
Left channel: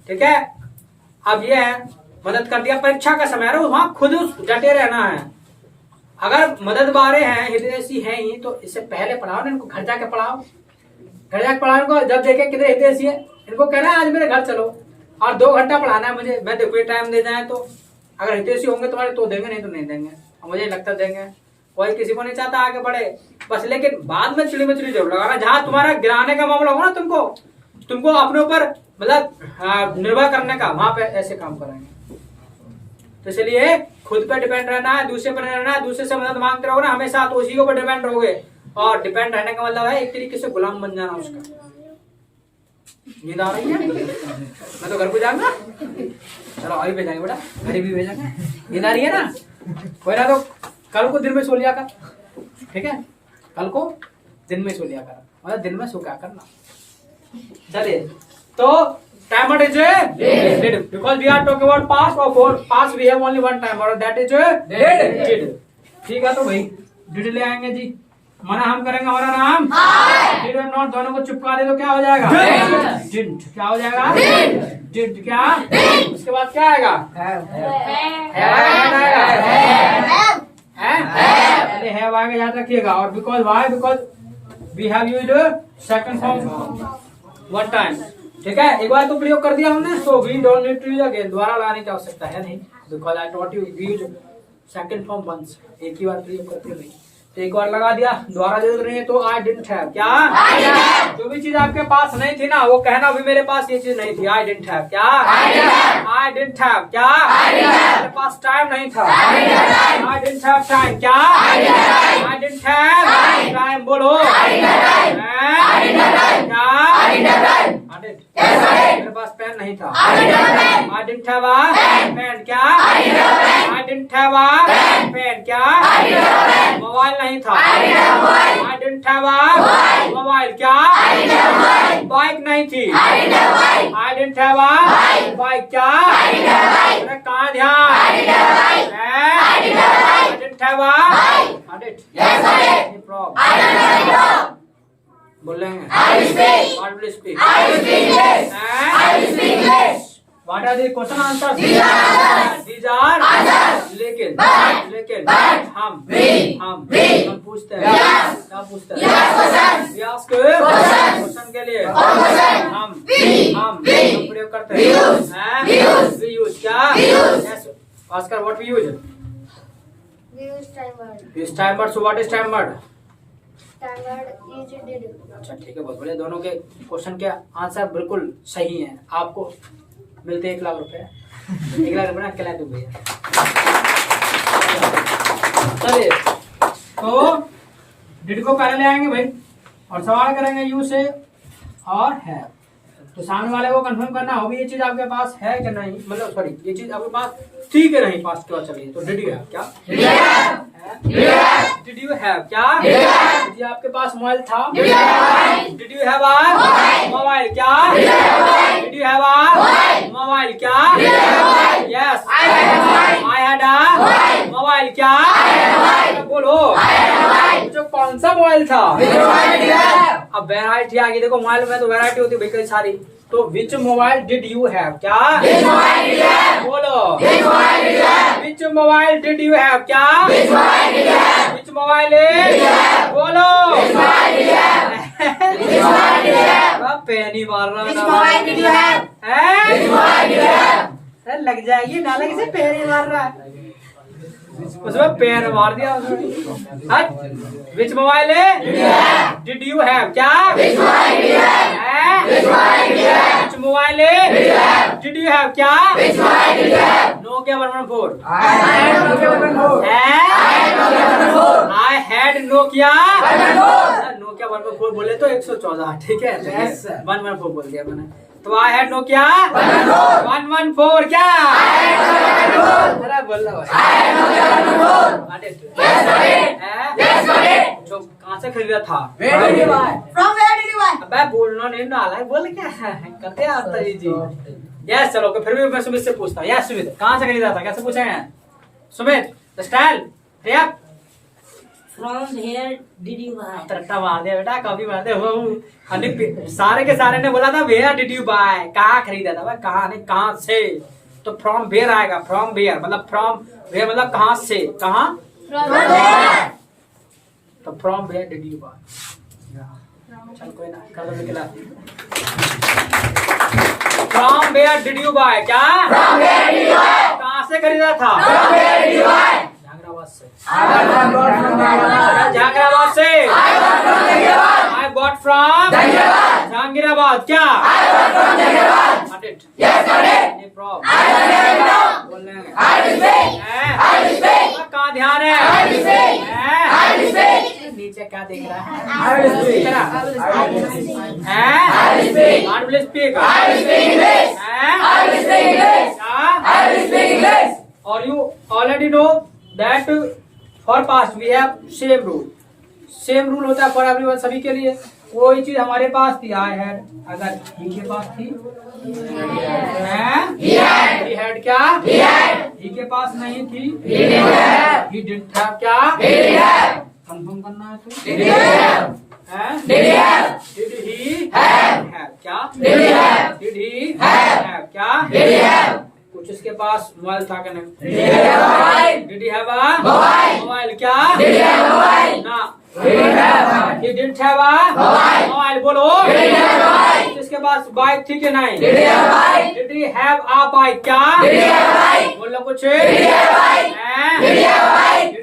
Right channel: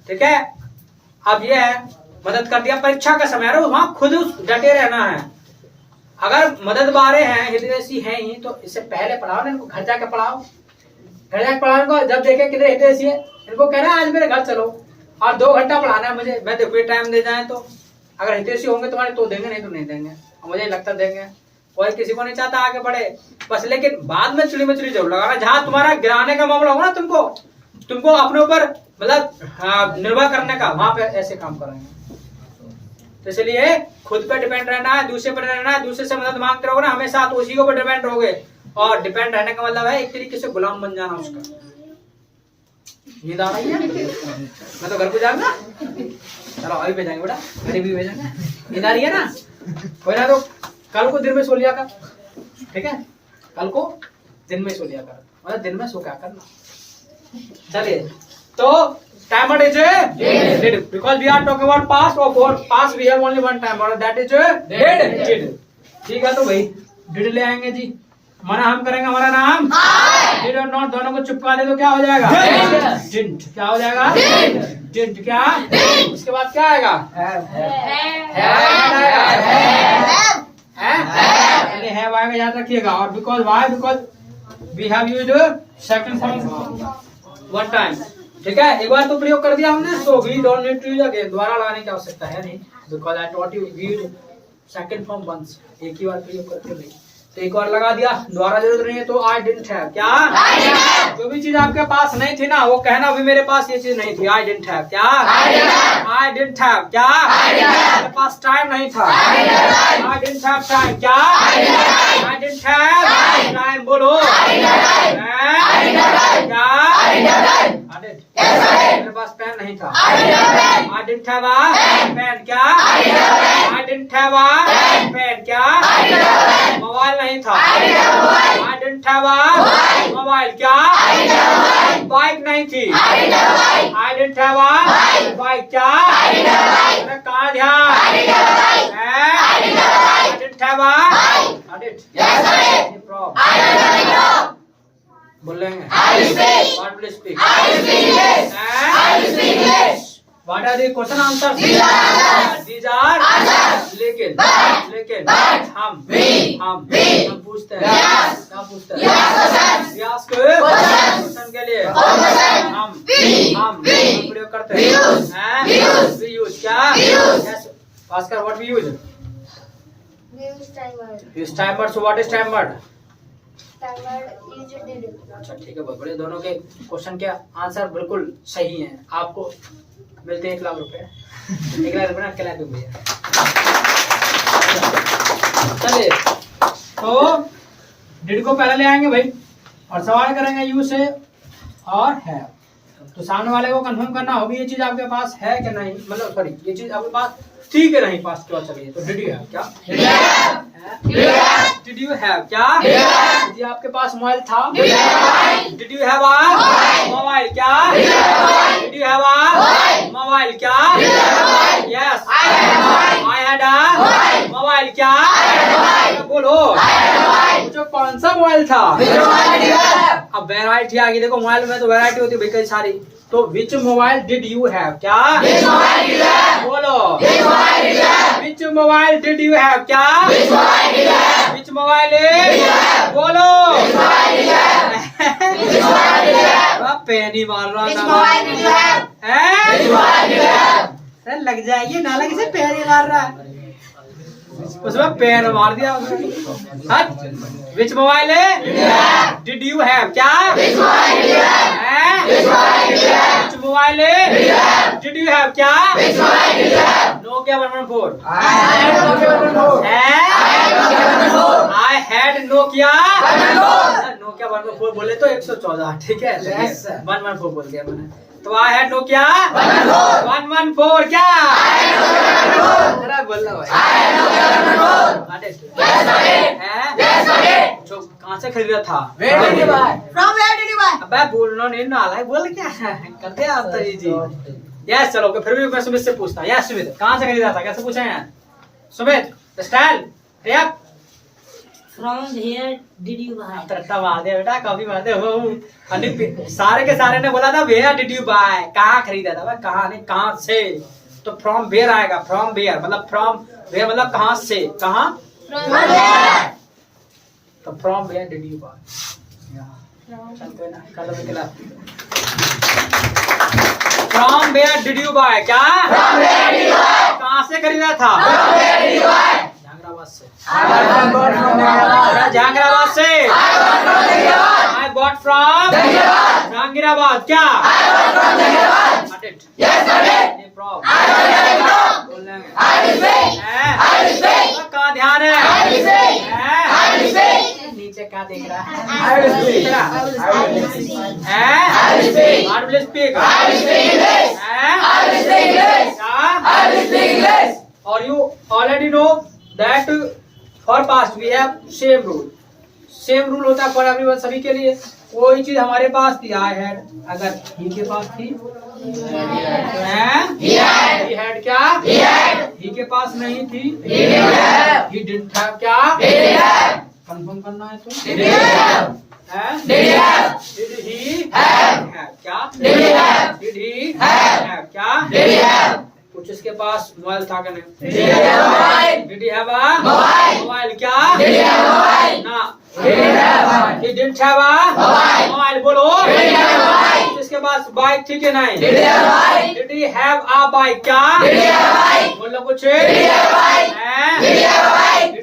ठीक है? अब ये है, मदद कर दिया, परीक्षा का समय है, वहां खुद डटे रहना है। अगर मदद बारे हैं, हितैषी हैं ही, तो इससे पहले पढ़ाओ ना इनको, घर जाके पढ़ाओ, घर जाके पढ़ाओ इनको। जब देखे कितने हितैषी है, इनको कहना आज मेरे घर चलो और 2 घंटा पढ़ाना है मुझे, मैं देखो ये टाइम दे जाए तो। अगर हितैषी होंगे तुम्हारे तो देंगे, नहीं तो नहीं देंगे, मुझे लगता देंगे। कोई किसी को नहीं चाहता आगे बढ़े बस, लेकिन बाद में चिड़ी मछली जरूर लगाना। जहां तुम्हारा गिराने का मामला होगा ना, तुमको अपने ऊपर मतलब निर्भर करने का, वहां पे ऐसे काम करेंगे। तो इसलिए खुद पे डिपेंड रहना है, दूसरे पर रहना है। दूसरे से मदद मांगते रहोगे ना हमेशा, तो उसी के ऊपर डिपेंड रहोगे। और डिपेंड रहने का मतलब है एक तरीके से गुलाम बन जाना उसका। नींद आ रही है? मैं तो घर को जाऊंगा। चलो अभी भेजेंगे बेटा, घर भी भेजेंगे। नींद आ रही है ना? कोई ना, तो कल को दिन में सो लिया कर, ठीक है? कल को दिन में सो लिया कर, मतलब दिन में सो क्या करना। चलिए, तो timer is did, because we are talking about past, or for past we have only one timer, that is did। ठीक है, तो भाई did ले आएंगे जी, मना हम करेंगे, हमारा नाम did और not दोनों को चिपका दे तो क्या हो जाएगा? didn't। क्या हो जाएगा? didn't। क्या? उसके बाद क्या आएगा? have आएगा, याद रखिएगा। और because why? because we have used second form one time. ठीक है, एक बार तो प्रयोग कर दिया हमने, तो we don't need to use again, दोबारा लगाने की आवश्यकता है नहीं, because I taught you we use second form once, एक ही बार प्रयोग करते नहीं। तो एक बार लगा दिया, दोबारा जरूरत नहीं है। तो आई डिडंट हैव, क्या जो भी चीज आपके पास नहीं थी ना, वो कहना भी मेरे पास ये चीज नहीं थी। आई डिडंट हैव, क्या आई डिडंट हैव, क्या मेरे पास टाइम नहीं था। आई डिडंट हैव टाइम, क्या आई डिडंट हैव टाइम, बोलो क्या मेरे पास पेन नहीं था। I didn't have a pen, क्या I didn't have a pen, क्या मोबाइल नहीं था। I didn't have a mobile, क्या बाइक नहीं थी। I didn't have a bike, क्या मेरा कहाँ ध्यान आई डिडंट हैव अ बोलेंगे What are the question answers? These are लेकिन हम पूछते हैं, क्या पूछते हैं? We ask क्वेश्चन के लिए हम प्रयोग करते हैं। We use, क्या? Yes, Oscar, what we use? We use time word. Use time word. So what is time word? Time word use did. अच्छा ठीक है, बहुत बढ़िया। दोनों के क्वेश्चन के आंसर बिल्कुल सही हैं। आपको मिलते हैं 1 लाख रुपए। 1 लाख रुपए ना खिला दूं भैया। चलिए, तो डिड को पहले ले आएंगे भाई, और सवाल करेंगे यू से और है। तो सामने वाले को कंफर्म करना होगी ये चीज आपके पास है कि नहीं, मतलब सॉरी ये चीज आपके पास थी कि नहीं पास क्यों चलिए। तो डिड यू हैव, क्या डिड यू हैव, क्या यदि आपके पास मोबाइल था। Did you have a mobile, क्या did you have a mobile, क्या yes I had a mobile, क्या बोलो मुझे कौन सा मोबाइल था। अब वैरायटी आ गई, देखो मोबाइल में तो वैरायटी होती है भाई कई सारी। तो विच मोबाइल डिड यू हैव, क्या बोलो विच मोबाइल डिड यू हैव, क्या विच मोबाइल बोलो पेन ही मार रहा है, लग जाएगी नाला किसे पेन ही मार रहा है, उसमें पेन मार दिया उसने। Which mobile did you have, क्या which mobile did you have, क्या नोकिया 114। आई हैड नोकिया 114 बोले तो 114, ठीक है 114 बोल गया मैंने। तो आई हैड नोकिया 114, क्या जरा बोलना भाई। तो कहाँ से खरीदा था? अबे बोलना नहीं नाला बोल क्या करते हैं आप तो जी। यस चलो फिर भी मैं सुमित से पूछता हूँ। यस सुमित, कहाँ से खरीदा था, कैसे पूछा है Sumit? Style From where did you buy? तरट्टा मार दिया बेटा, कॉपी मार दे। सारे के सारे ने बोला था वेयर डिड यू बाय, कहाँ खरीदा था भाई, कहाँ नहीं कहाँ से। तो फ्रॉम वेयर आएगा, फ्रॉम वेयर मतलब फ्रॉम वेयर मतलब कहाँ से, कहाँ तो from where did you buy. चल कोई ना कर लो निकला। From where did you buy, क्या कहाँ से खरीदा था? जहांगीराबाद से। आई बॉट फ्रॉम जहांगीराबाद, क्या कहाँ ध्यान है नीचे क्या देख रहा है? और you already know that for past we have same rule होता है for everyone, सभी के लिए। कोई चीज हमारे पास थी I had, अगर he के पास थी he had, क्या he के पास नहीं थी he didn't have, क्या कंफर्म करना है तो did he have, क्या did he have, क्या कुछ इसके पास मोबाइल था क्या नहीं? Did he have a mobile, क्या ना He didn't have a mobile. बोलो. इसके पास बाइक थी कि नहीं? Did he have a bike? क्या? बोलो कुछ. Did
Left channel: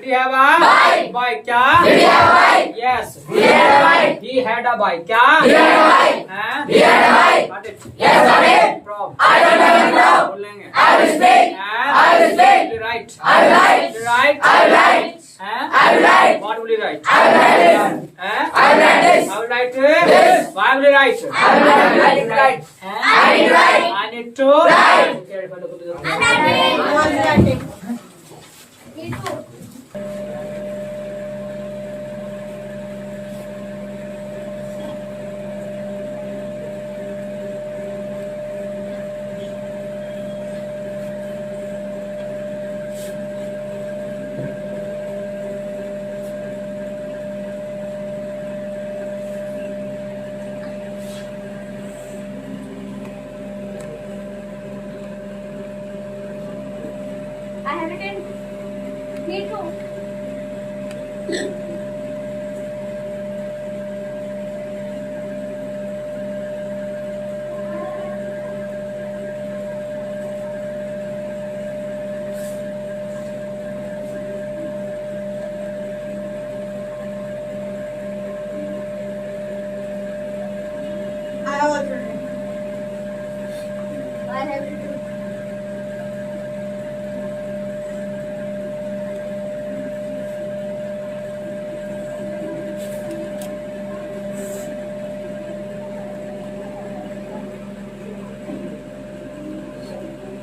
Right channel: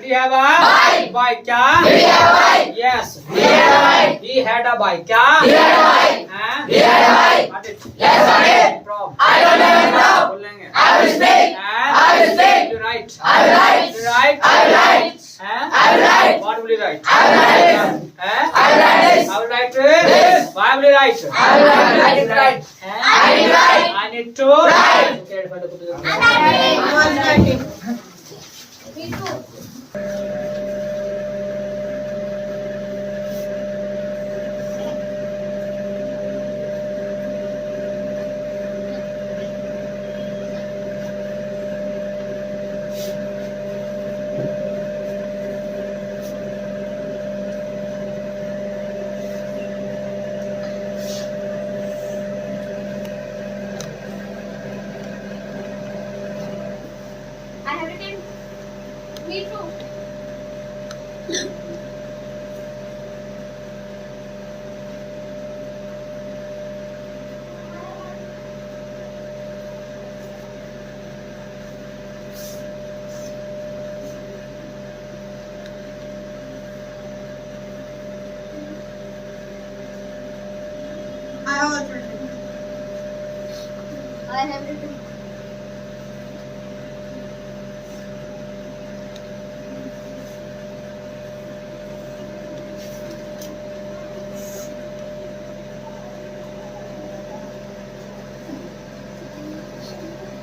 he have a bike? क्या? Yes. He had a bike. क्या? Problem. बोलेंगे. Right. What will you write? I will write. Why will you write? I need to write. Me too. I have written. Me too. I have written.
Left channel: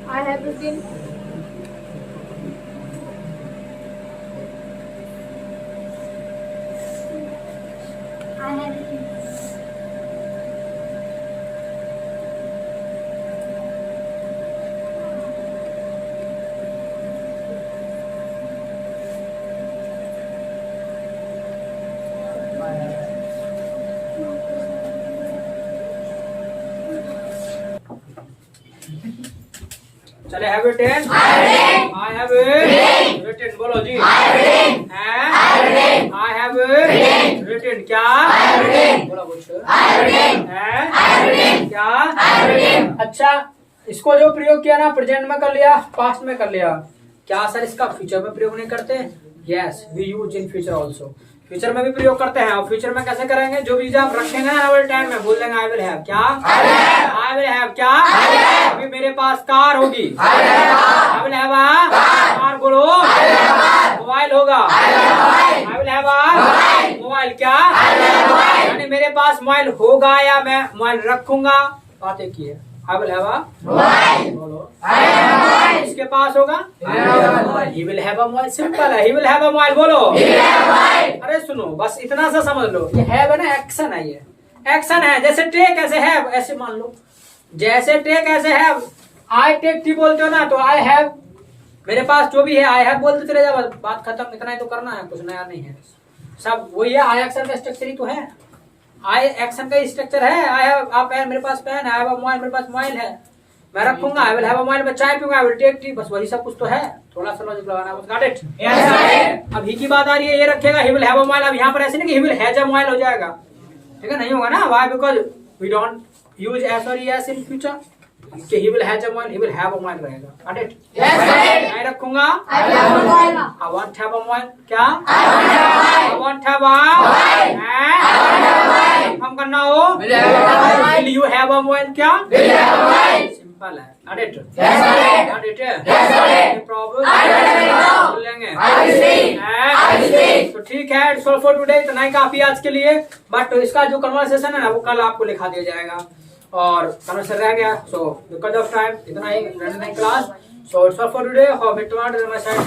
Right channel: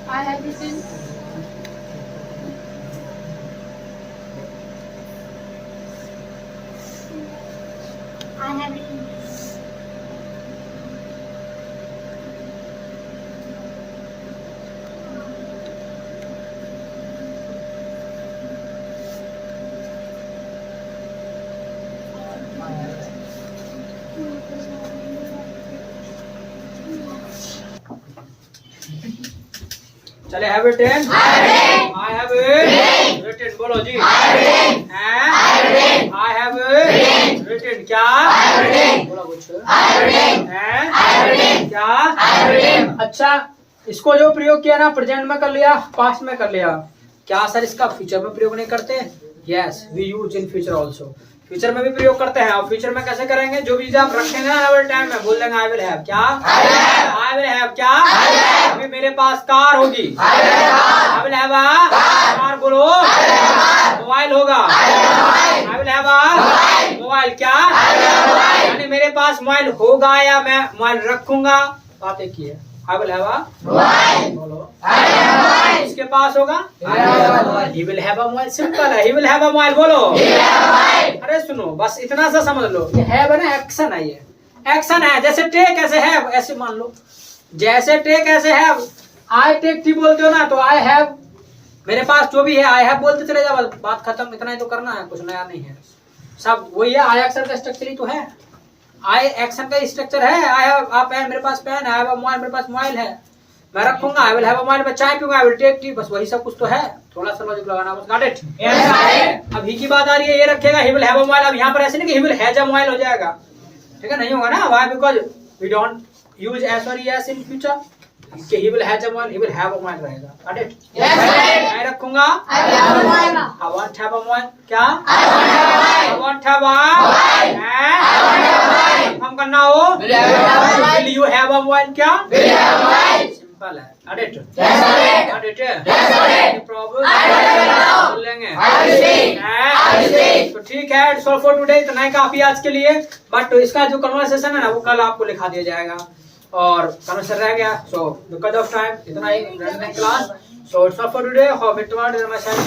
I have written. I have written. चले have written. I have written. बोलो जी. I have written. क्या? बोलो कुछ. क्या? अच्छा, इसको जो प्रयोग किया ना प्रेजेंट में कर लिया, पास्ट में कर लिया. क्या सर इसका फ्यूचर में प्रयोग नहीं करते? Yes, we use in future also. Future में भी प्रयोग करते हैं. और फ्यूचर में कैसे करेंगे? जो भी आप रखेंगे ना अवर टाइम में बोल देंगे आई विल हैव. क्या? I will have. क्या? अभी मेरे पास कार होगी. I will have a car. बोलो. मोबाइल होगा. I will have a mobile. क्या? यानी मेरे पास मोबाइल होगा या मैं मोबाइल रखूंगा. बात एक ही है. आई विल हैव अ बोलो. इसके पास होगा. He will have a mobile. Simple है. He will have a mobile. बोलो. अरे सुनो, बस इतना सा समझ लो. ये हैव है ना, एक्शन है. ये एक्शन है. जैसे टेक ऐसे हैव, ऐसे मान लो. जैसे टेक ऐसे हैव. आई टेक टी बोलते हो ना, तो आई हैव मेरे पास जो भी है आई हैव बोलते चले जाओ. बात खत्म. इतना ही तो करना है, कुछ नया नहीं है. सब वही है. आई एक्शन का स्ट्रक्चर ही तो है. आई एक्शन का स्ट्रक्चर है. आई हैव अ पेन, मेरे पास पेन है. आई हैव अ मोबाइल, मेरे पास मोबाइल है. मैं रखूंगा. I will have a mobile. मैं चाय पीऊंगा. I will take tea. बस वही सब कुछ तो है. थोड़ा सा लॉजिक लगाना बस. Got it. अब ही की बात आ रही है. ये रखेगा he will have a mobile. अब यहाँ पर ऐसे नहीं कि he will has a mobile हो जाएगा. ठीक है, नहीं होगा ना. Why? Because we don't use S और एस इन फ्यूचर. कि he will has a mobile, he will have a mobile रहेगा. Got it. मैं रखूंगा. I want have a mobile. क्या? आई वांट हैव अ हम करना हो. Will you have a mobile. क्या? सिंपल है. Got it. Got it. Problem बोलेंगे. तो ठीक है. सो फॉर टुडे इतना ही काफी आज के लिए. बट इसका जो कन्वर्सेशन है ना वो कल आपको लिखा दिया जाएगा. और कन्वर्सेशन रह गया. सो बिकॉज ऑफ टाइम इतना ही running class. So it's all for today. How it want my side.